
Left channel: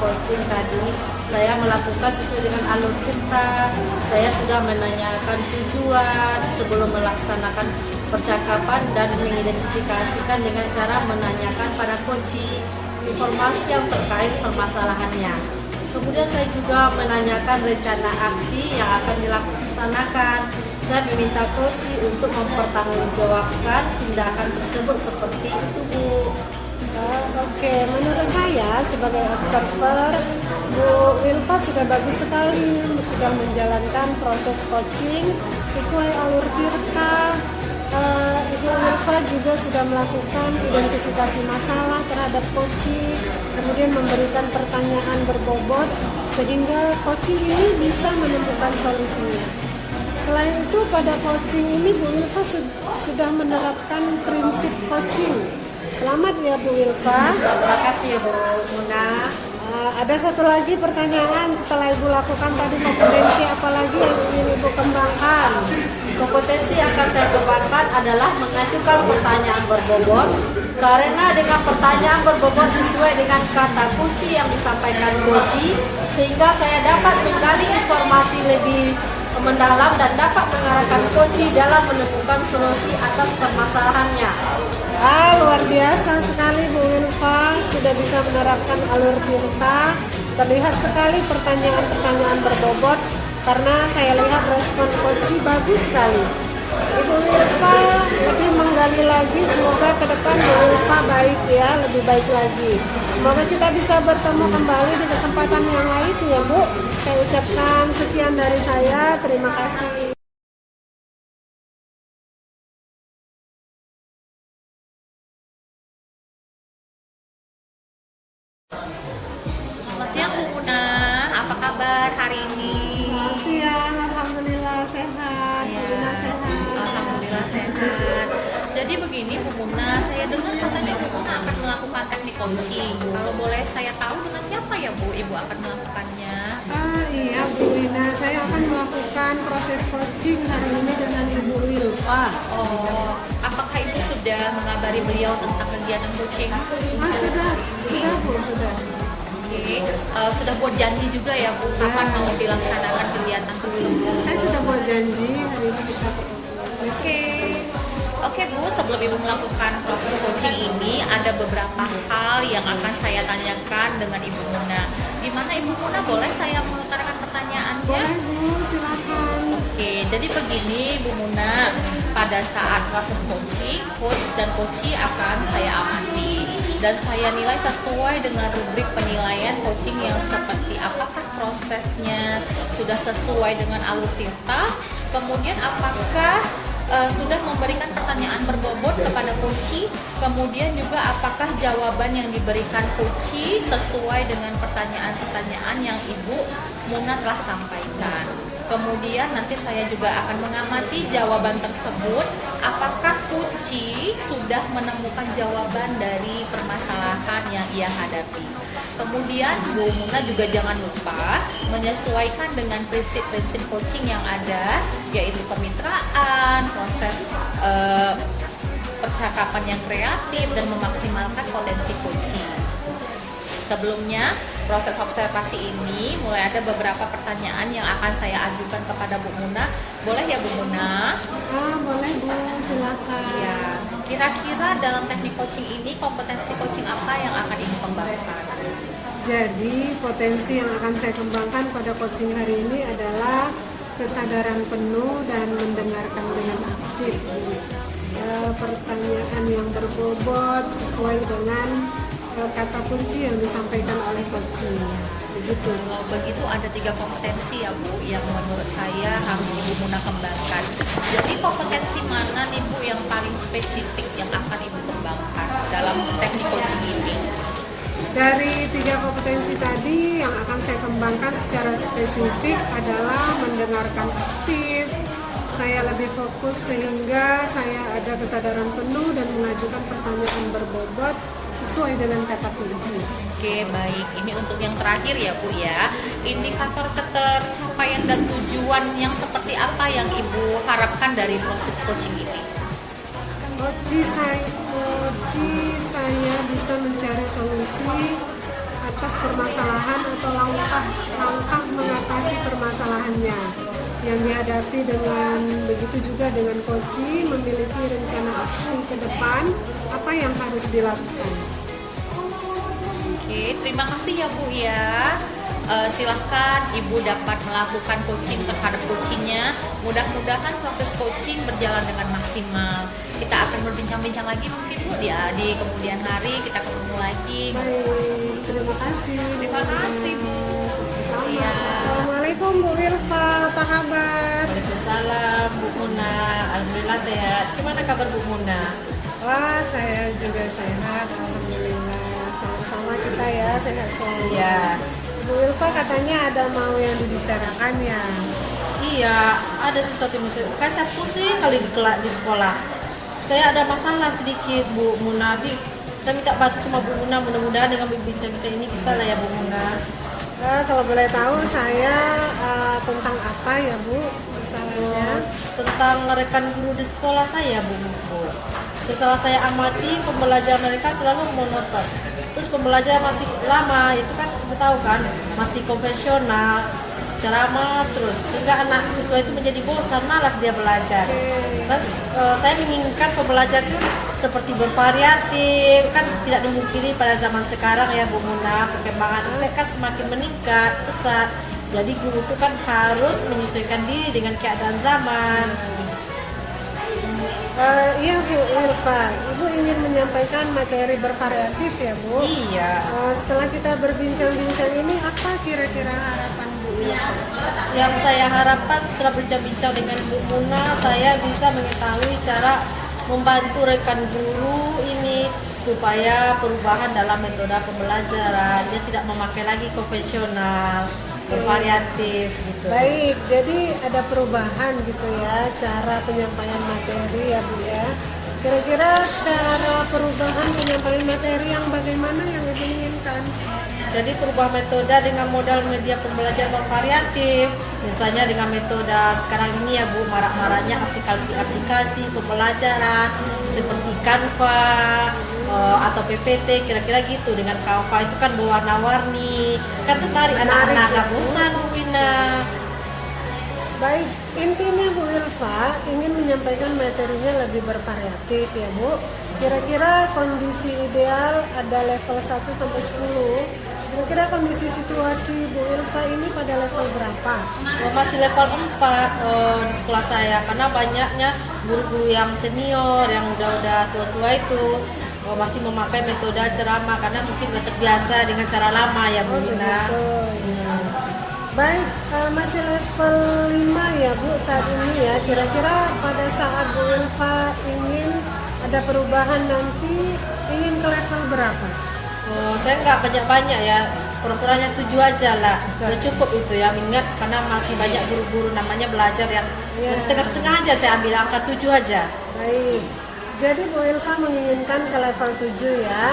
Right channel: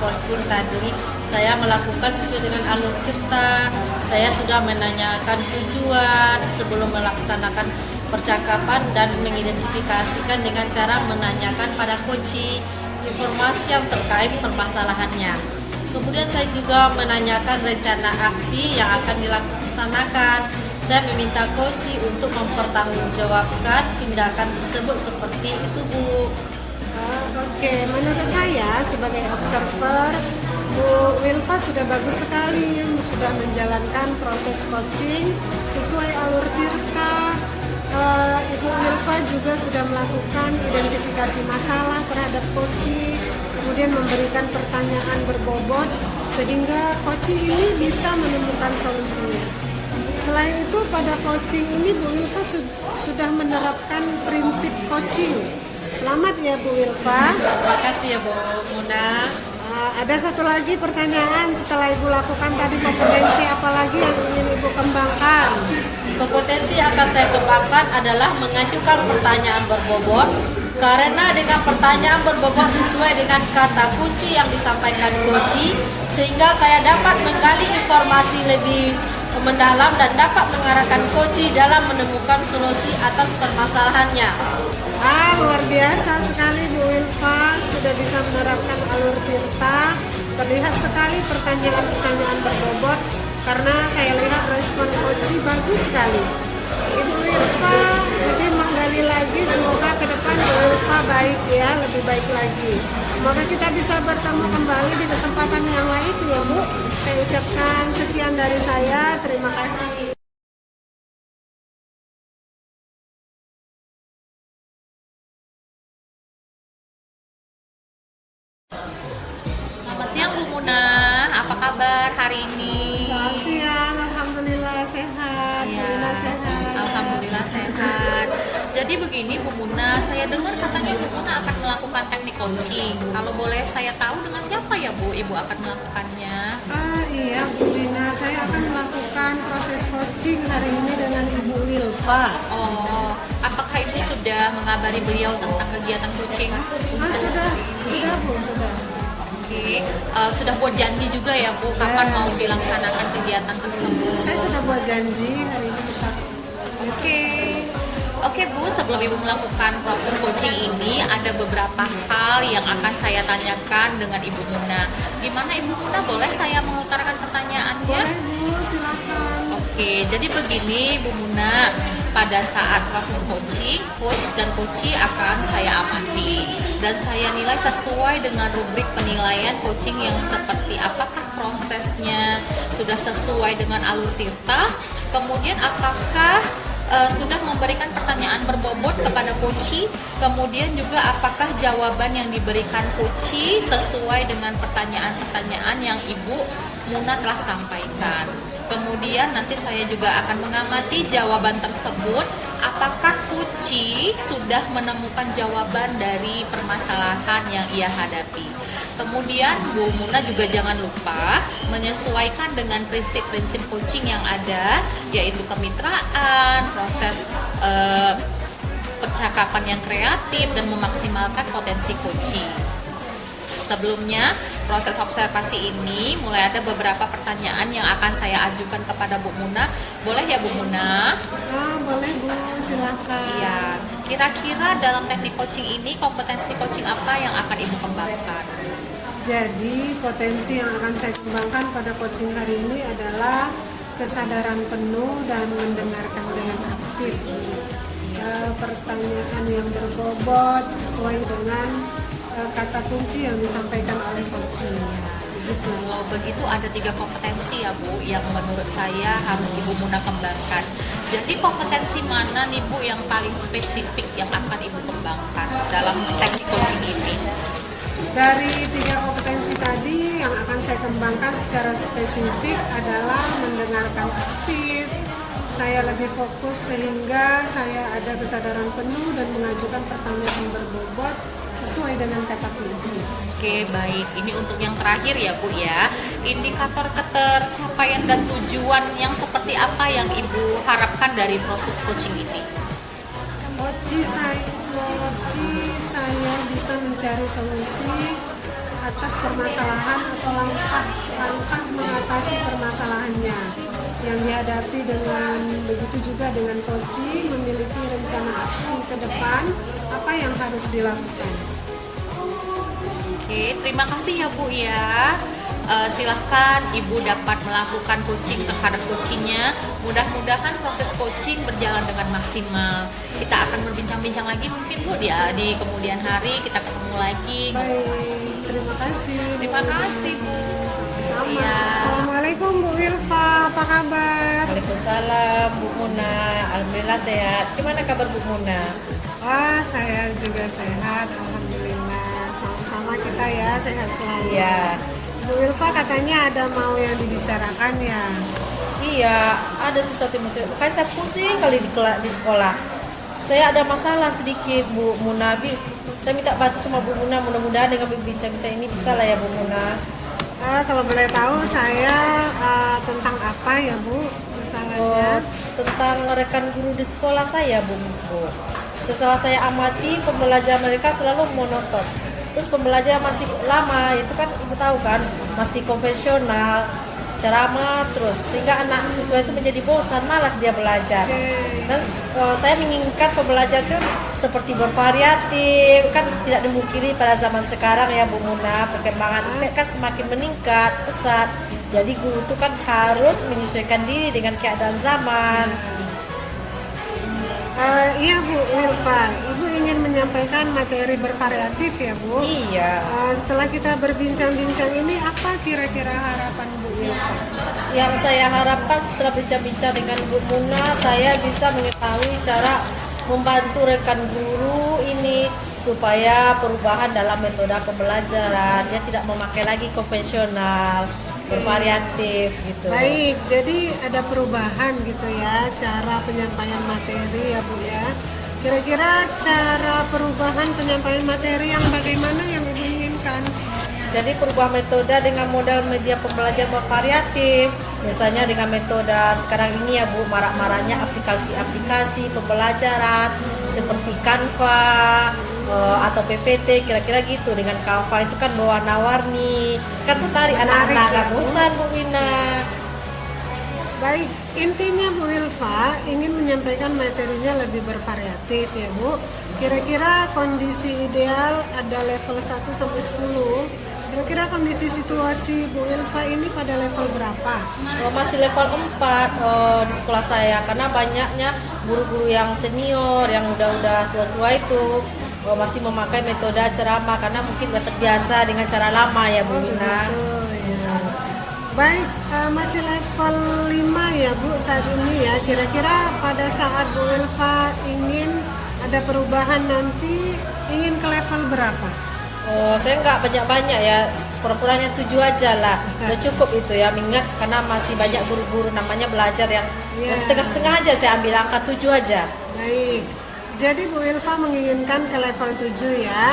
coaching tadi. Saya melakukan sesuai dengan alur kita. Saya sudah menanyakan tujuan sebelum melaksanakan percakapan dan mengidentifikasikan dengan cara menanyakan pada coaching informasi yang terkait permasalahannya. Kemudian saya juga menanyakan rencana aksi yang akan dilaksanakan. Saya meminta coaching untuk mempertanggungjawabkan tindakan tersebut seperti itu, Bu. Oke, menurut saya sebagai observer, Bu Wilfa sudah bagus sekali, sudah menjalankan proses coaching sesuai alur Tirta. Ibu Wilfa juga sudah melakukan identifikasi masalah terhadap coaching, kemudian memberikan pertanyaan berbobot sehingga coaching ini bisa menemukan solusinya. Selain itu pada coaching ini Bu Wilfa sudah menerapkan prinsip coaching. Selamat ya Bu Wilfa. Terima kasih ya Bu Muna. Ada satu lagi pertanyaan setelah Ibu lakukan tadi, kompetensi apa lagi yang ingin Ibu kembangkan? Kompetensi yang akan saya kembangkan adalah mengajukan pertanyaan berbobot, karena dengan pertanyaan berbobot sesuai dengan kata kunci yang disampaikan coach, sehingga saya dapat menggali informasi lebih mendalam dan dapat mengarahkan coach dalam menemukan solusi atas permasalahannya. Luar biasa sekali Bu Wilfa, sudah bisa menerapkan alur Tirta. Terlihat sekali pertanyaan-pertanyaan berbobot, karena saya lihat respon coach bagus sekali. Ibu Wilfa lebih menggali lagi, semoga ke depan Bu Wilfa baik ya, lebih baik lagi. Semoga kita bisa bertemu kembali di kesempatan yang lain ya Bu. Saya ucapkan sekian dari saya, terima kasih. sehat, Bu Iya. Lina sehat. Alhamdulillah sehat. Jadi begini Bu Muna, saya dengar katanya Bu Muna akan melakukan teknik coaching. Kalau boleh saya tahu dengan siapa ya Bu Ibu akan melakukannya? Iya Bu Lina, saya akan melakukan proses coaching hari ini dengan Ibu Wilfa. Oh, apakah Ibu sudah mengabari beliau tentang kegiatan coaching? Sudah Bu, sudah. Oke, sudah buat janji juga ya Bu, kapan mau dilaksanakan kegiatan tersebut? Saya sudah buat janji hari ini kita besok. Oke Bu, sebelum Ibu melakukan proses coaching ini, ada beberapa hal yang akan saya tanyakan dengan Ibu Muna. Gimana Ibu Muna, boleh saya mengutarakan pertanyaannya? Boleh Bu, silakan. Oke, jadi begini Bu Muna, pada saat proses coaching, coach dan coachee akan saya amati dan saya nilai sesuai dengan rubrik penilaian coaching yang seperti apakah prosesnya sudah sesuai dengan alur tirta, kemudian apakah sudah memberikan pertanyaan berbobot kepada coachee, kemudian juga apakah jawaban yang diberikan coachee sesuai dengan pertanyaan-pertanyaan yang Ibu Muna telah sampaikan. Kemudian nanti saya juga akan mengamati jawaban tersebut, apakah coachee sudah menemukan jawaban dari permasalahan yang ia hadapi. Kemudian Bu Muna juga jangan lupa menyesuaikan dengan prinsip-prinsip coaching yang ada, yaitu kemitraan, proses percakapan yang kreatif, dan memaksimalkan potensi coaching. Sebelumnya, proses observasi ini mulai ada beberapa pertanyaan yang akan saya ajukan kepada Bu Muna. Boleh ya Bu Muna? Boleh Bu, silakan. Ya, kira-kira dalam teknik coaching ini kompetensi coaching apa yang akan Ibu kembangkan? Jadi potensi yang akan saya kembangkan pada coaching hari ini adalah kesadaran penuh dan mendengarkan dengan aktif. Pertanyaan yang berbobot sesuai dengan kata kunci yang disampaikan oleh coaching. Begitu. Wow, begitu ada 3 kompetensi ya Bu yang menurut saya harus Ibu Muna kembangkan. Jadi kompetensi mana nih Bu yang paling spesifik yang akan Ibu kembangkan dalam teknik coaching ini? Dari 3 kompetensi tadi yang akan saya kembangkan secara spesifik adalah mendengarkan aktif, saya lebih fokus sehingga saya ada kesadaran penuh dan mengajukan pertanyaan berbobot sesuai dengan kata kunci. Oke, baik. Ini untuk yang terakhir ya Bu ya. Indikator ketercapaian dan tujuan yang seperti apa yang Ibu harapkan dari proses coaching ini? Coaching saya bisa mencari solusi atas permasalahan atau langkah mengatasi permasalahannya yang dihadapi. Dengan begitu juga dengan coaching memiliki rencana aksi ke depan apa yang harus dilakukan. Oke, terima kasih ya Bu ya. Silahkan Ibu dapat melakukan coaching terhadap coachingnya. Mudah-mudahan proses coaching berjalan dengan maksimal. Kita akan berbincang-bincang lagi mungkin Bu ya di kemudian hari, kita ketemu lagi. Baik, terima kasih. Terima kasih Bu. Sama. Iya. Assalamualaikum Bu Wilfa, apa kabar? Waalaikumsalam Bu Muna, alhamdulillah sehat. Gimana kabar Bu Muna? Wah, saya juga sehat, alhamdulillah. Sama-sama kita ya, sehat selalu. Ya, Bu Wilfa katanya ada mau yang dibicarakan ya. iya, ada sesuatu yang kayak saya pusing kali di sekolah. Saya ada masalah sedikit Bu Muna. Saya minta bantu sama Bu Muna, mudah-mudahan dengan bincang-bincang ini bisa lah ya Bu Muna. Kalau boleh tahu saya tentang apa ya Bu masalahnya? Tentang rekan guru di sekolah saya Bu. Setelah saya amati pembelajaran mereka selalu monoton. Terus pembelajaran masih lama, itu kan kamu tahu kan, masih konvensional, ceramah terus, sehingga anak siswa itu menjadi bosan, malas dia belajar. Dan saya menginginkan pembelajaran itu seperti bervariatif, kan tidak dimungkiri pada zaman sekarang ya Bu Muna, perkembangan internet kan semakin meningkat pesat. Jadi guru itu kan harus menyesuaikan diri dengan keadaan zaman. Iya Bu Wilfa, Ibu ingin menyampaikan materi bervariatif ya Bu? Iya. Setelah kita berbincang-bincang ini, apa kira-kira harapan Bu Wilfa? Yang saya harapkan setelah bincang-bincang dengan Bu Muna, saya bisa mengetahui cara membantu rekan guru ini supaya perubahan dalam metode pembelajaran, dia tidak memakai lagi konvensional. bervariatif gitu. Baik, jadi ada perubahan gitu ya cara penyampaian materi ya Bu ya. Kira-kira cara perubahan penyampaian materi yang bagaimana yang Ibu inginkan? Jadi perubahan metode dengan modal media pembelajaran bervariatif. Misalnya dengan metode sekarang ini ya Bu, marak-maraknya aplikasi-aplikasi pembelajaran seperti Canva atau PPT, kira-kira gitu. Dengan Canva itu kan berwarna-warni, kan tertarik anak-anak, nggak bosan Bu Wina. Baik, intinya Bu Wilfa ingin menyampaikan materinya lebih bervariatif ya Bu. Kira-kira kondisi ideal ada level 1 sampai 10. Kira-kira kondisi situasi Bu Wilfa ini pada level berapa? Masih level 4 di sekolah saya, karena banyaknya guru-guru yang senior, yang udah tua-tua itu masih memakai metode ceramah karena mungkin udah terbiasa dengan cara lama ya Bu Wina. Oh, ya. Baik, masih level 5 ya Bu saat ini ya. Kira-kira pada saat Bu Wilfa ingin ada perubahan nanti, ingin ke level berapa? Saya nggak banyak-banyak ya, kurang-kurangnya 7 aja lah. Udah cukup itu ya, mengingat karena masih banyak guru-guru namanya belajar yang setengah-setengah aja, saya ambil angka 7 aja. Baik, jadi Bu Wilfa menginginkan ke level 7 ya.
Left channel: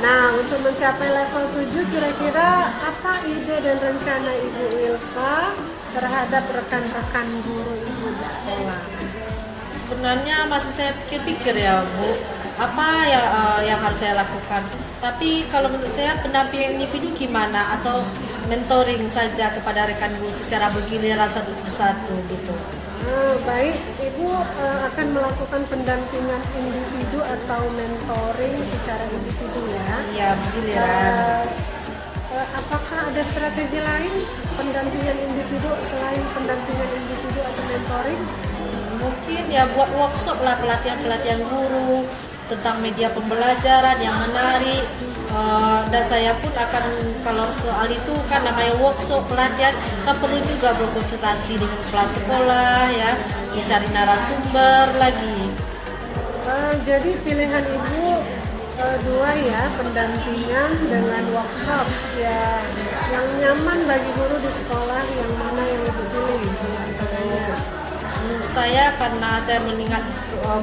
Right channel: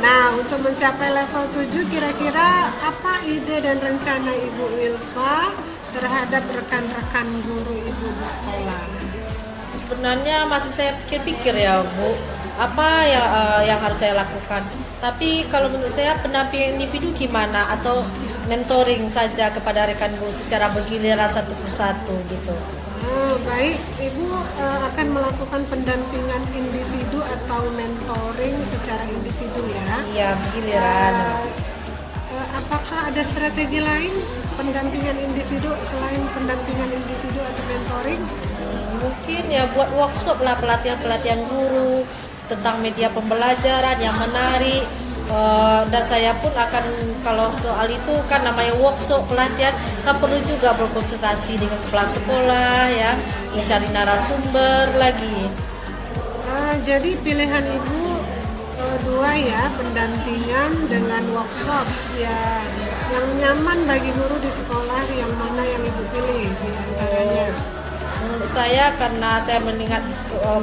Nah, untuk mencapai level 7 kira-kira apa ide dan rencana Ibu Wilfa terhadap rekan-rekan guru Ibu di sekolah? Sebenarnya masih saya pikir-pikir ya Bu, apa yang harus saya lakukan. Tapi kalau menurut saya pendampingan individu gimana, atau mentoring saja kepada rekan guru secara bergiliran satu persatu gitu. Baik, Ibu akan melakukan pendampingan individu atau mentoring secara individu ya. Ya, bergiliran. Apakah ada strategi lain pendampingan individu selain pendampingan individu atau mentoring? Mungkin ya buat workshop lah, pelatihan guru tentang media pembelajaran yang menarik. Dan saya pun akan, kalau soal itu kan namanya workshop pelatihan, kan perlu juga berkonsultasi dengan kepala sekolah ya, mencari narasumber lagi. Jadi pilihan Ibu dua ya, pendampingan dengan workshop ya, yang nyaman bagi guru di sekolah, yang mana yang Ibu pilih di antaranya? Menurut saya, karena saya melihat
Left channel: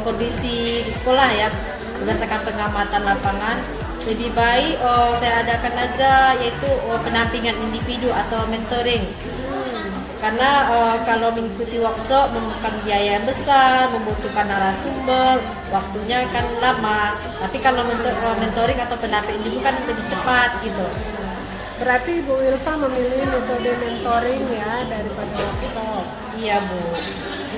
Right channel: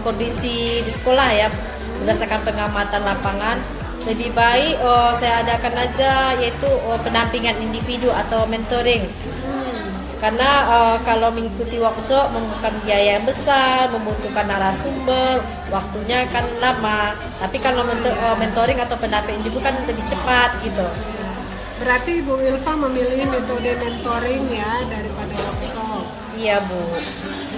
kondisi di sekolah ya, berdasarkan pengamatan lapangan, lebih baik saya adakan aja yaitu pendampingan individu atau mentoring. Karena kalau mengikuti workshop membutuhkan biaya yang besar, membutuhkan narasumber, waktunya kan lama. Tapi kalau mentoring atau pendamping individu kan lebih cepat gitu. Berarti Bu Wilfa memilih metode mentoring ya daripada workshop. Iya Bu.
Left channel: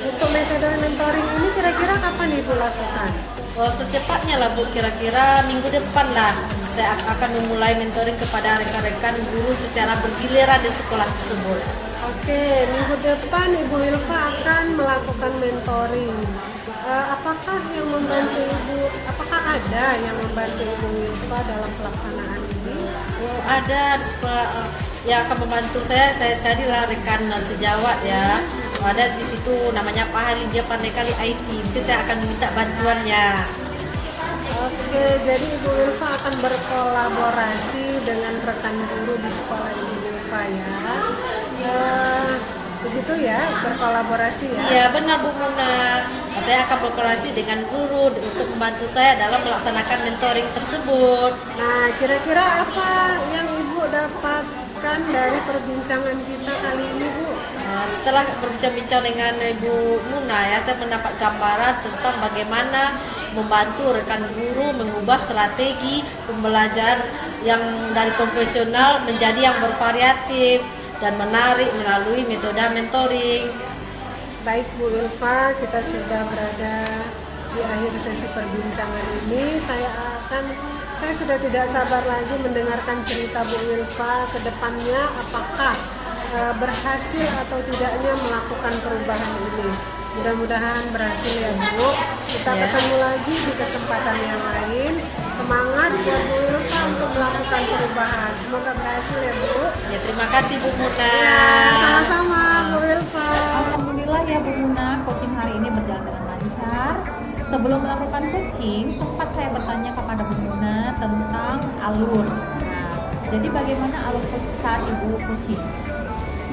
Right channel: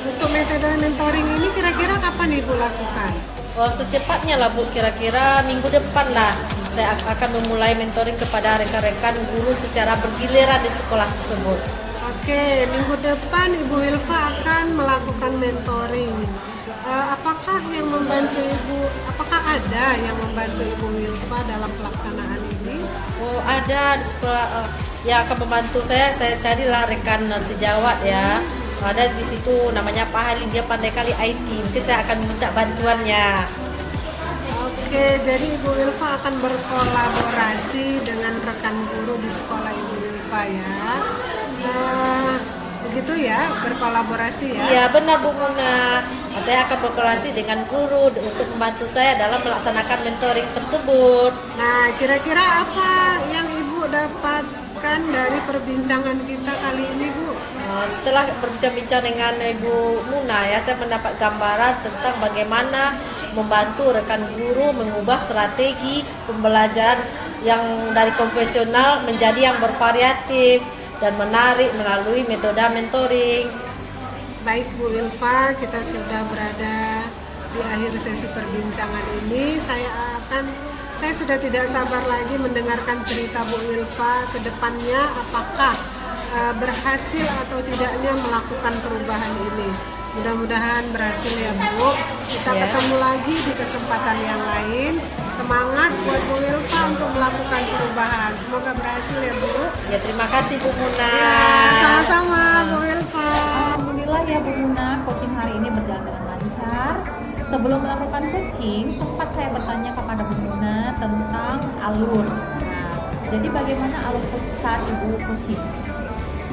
Untuk metode mentoring ini kira-kira kapan Ibu lakukan? Secepatnya lah Bu, kira-kira minggu depan lah saya akan memulai mentoring kepada rekan-rekan guru secara bergiliran di sekolah tersebut. Oke, minggu depan Ibu Wilfa akan melakukan mentoring. Apakah yang membantu Ibu? Apakah ada yang membantu Ibu Wilfa dalam pelaksanaan ini? Ada di sekolah yang akan membantu saya. Saya carilah rekan sejawat ya. Ada di situ namanya Pak Hari, dia pandai kali IT. Mungkin saya akan minta bantuannya. Oke, jadi Ibu Wilfa akan berkolaborasi dengan rekan guru di sekolah Ibu Wilfa ya. Begitu ya, berkolaborasi ya. Iya benar Bu Muna. Saya akan berkolaborasi dengan guru untuk membantu saya dalam melaksanakan mentoring tersebut. Nah, kira-kira apa yang Ibu dapatkan dari perbincangan kita kali ini Bu? Setelah berbincang-bincang dengan Ibu Muna ya, saya mendapat gambaran tentang bagaimana membantu rekan guru mengubah strategi pembelajaran yang dari konvensional menjadi yang bervariatif dan menarik melalui metode mentoring. Baik Bu Wilfa, kita sudah berada di akhir sesi perbincangan ini. Saya sudah tidak sabar lagi mendengarkan cerita Bu Wilfa ke depannya, apakah berhasil atau tidaknya melakukan perubahan ini. Mudah-mudahan berhasil ya Bu. Kita ketemu lagi di kesempatan yang lain. Semangat ya Bu Wilfa untuk melakukan perubahan. Semoga berhasil ya Bu. Ya, terima kasih Bu Muna. Sama-sama Bu Wilfa. Alhamdulillah ya Bu Muna, coaching hari ini berjalan dengan lancar. Sebelum melakukan coaching, sempat saya bertanya kepada Bu Muna tentang alur. Nah, jadi bagaimana alur saat Ibu coaching?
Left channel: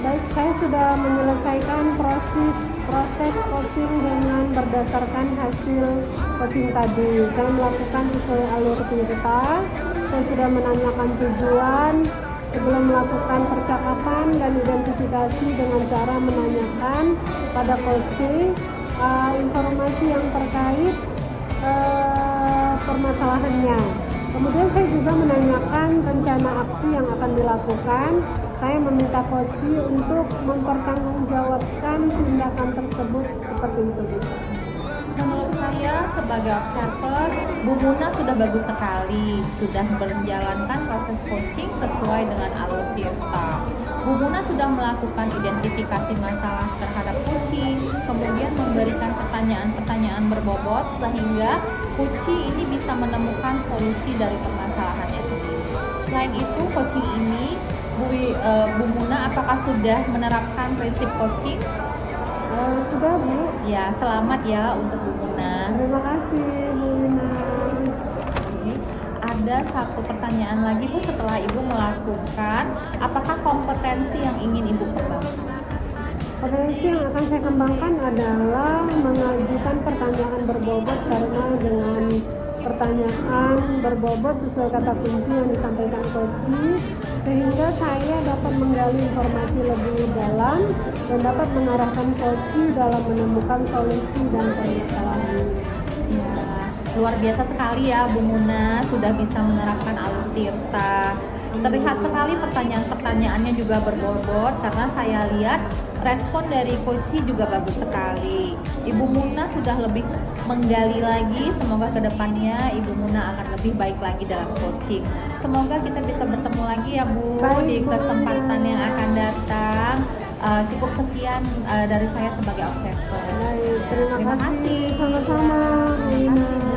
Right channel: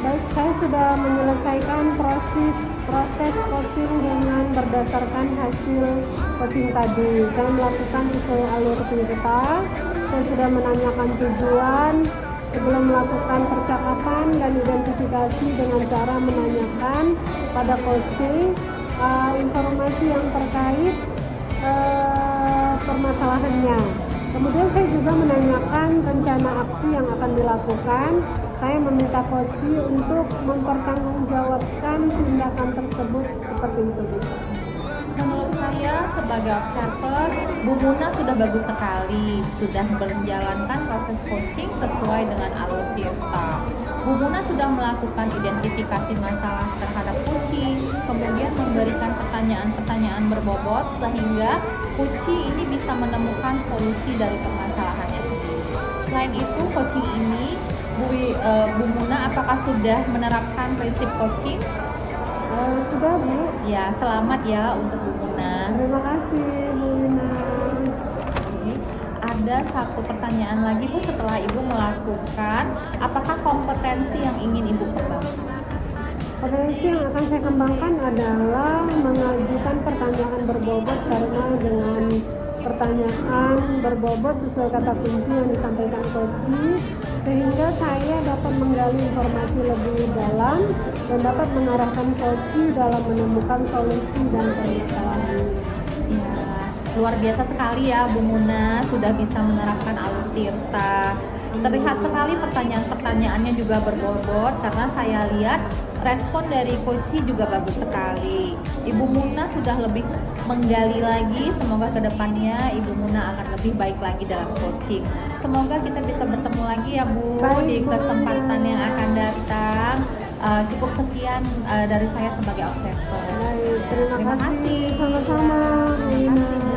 Baik, saya sudah menyelesaikan proses coaching dengan berdasarkan hasil coaching tadi. Saya melakukan sesuai alur kita. Saya sudah menanyakan tujuan sebelum melakukan percakapan dan identifikasi dengan cara menanyakan pada coaching informasi yang terkait permasalahannya. Kemudian saya juga menanyakan rencana aksi yang akan dilakukan. Saya meminta coach untuk mempertanggungjawabkan tindakan tersebut seperti itu. Menurut saya sebagai observer, Bu Muna sudah bagus sekali, sudah menjalankan proses coaching sesuai dengan alur Tirta. Bu Muna sudah melakukan identifikasi masalah terhadap Kuci, kemudian memberikan pertanyaan-pertanyaan berbobot sehingga Kuci ini bisa menemukan solusi dari permasalahannya sendiri. Selain itu, coaching ini Bu Muna apakah sudah menerapkan prinsip coaching? Sudah, Bu. Ya, selamat ya untuk Bu Muna. Terima kasih, Bu Lina. Oke. Ada satu pertanyaan lagi Bu setelah Ibu melakukan, apakah kompetensi yang ingin Ibu kembangkan? Potensi yang akan saya kembangkan adalah mengajukan pertanyaan berbobot, karena dengan pertanyaan berbobot sesuai kata kunci yang disampaikan coach, sehingga saya dapat menggali informasi lebih dalam dan dapat mengarahkan coach dalam menemukan solusi dan permasalahan. Ya, luar biasa sekali ya Bu Muna sudah bisa menerapkan alur Tirta. Terlihat sekali pertanyaan-pertanyaannya juga berbobot karena saya lihat respon dari Koci juga bagus sekali. Ibu Muna sudah lebih menggali lagi, semoga kedepannya Ibu Muna akan lebih baik lagi dalam coaching. Semoga kita bisa bertemu lagi ya Bu di kesempatan yang akan datang. Cukup sekian dari saya sebagai observer. Baik, terima kasih. kasih. Sama-sama, Bu Lina.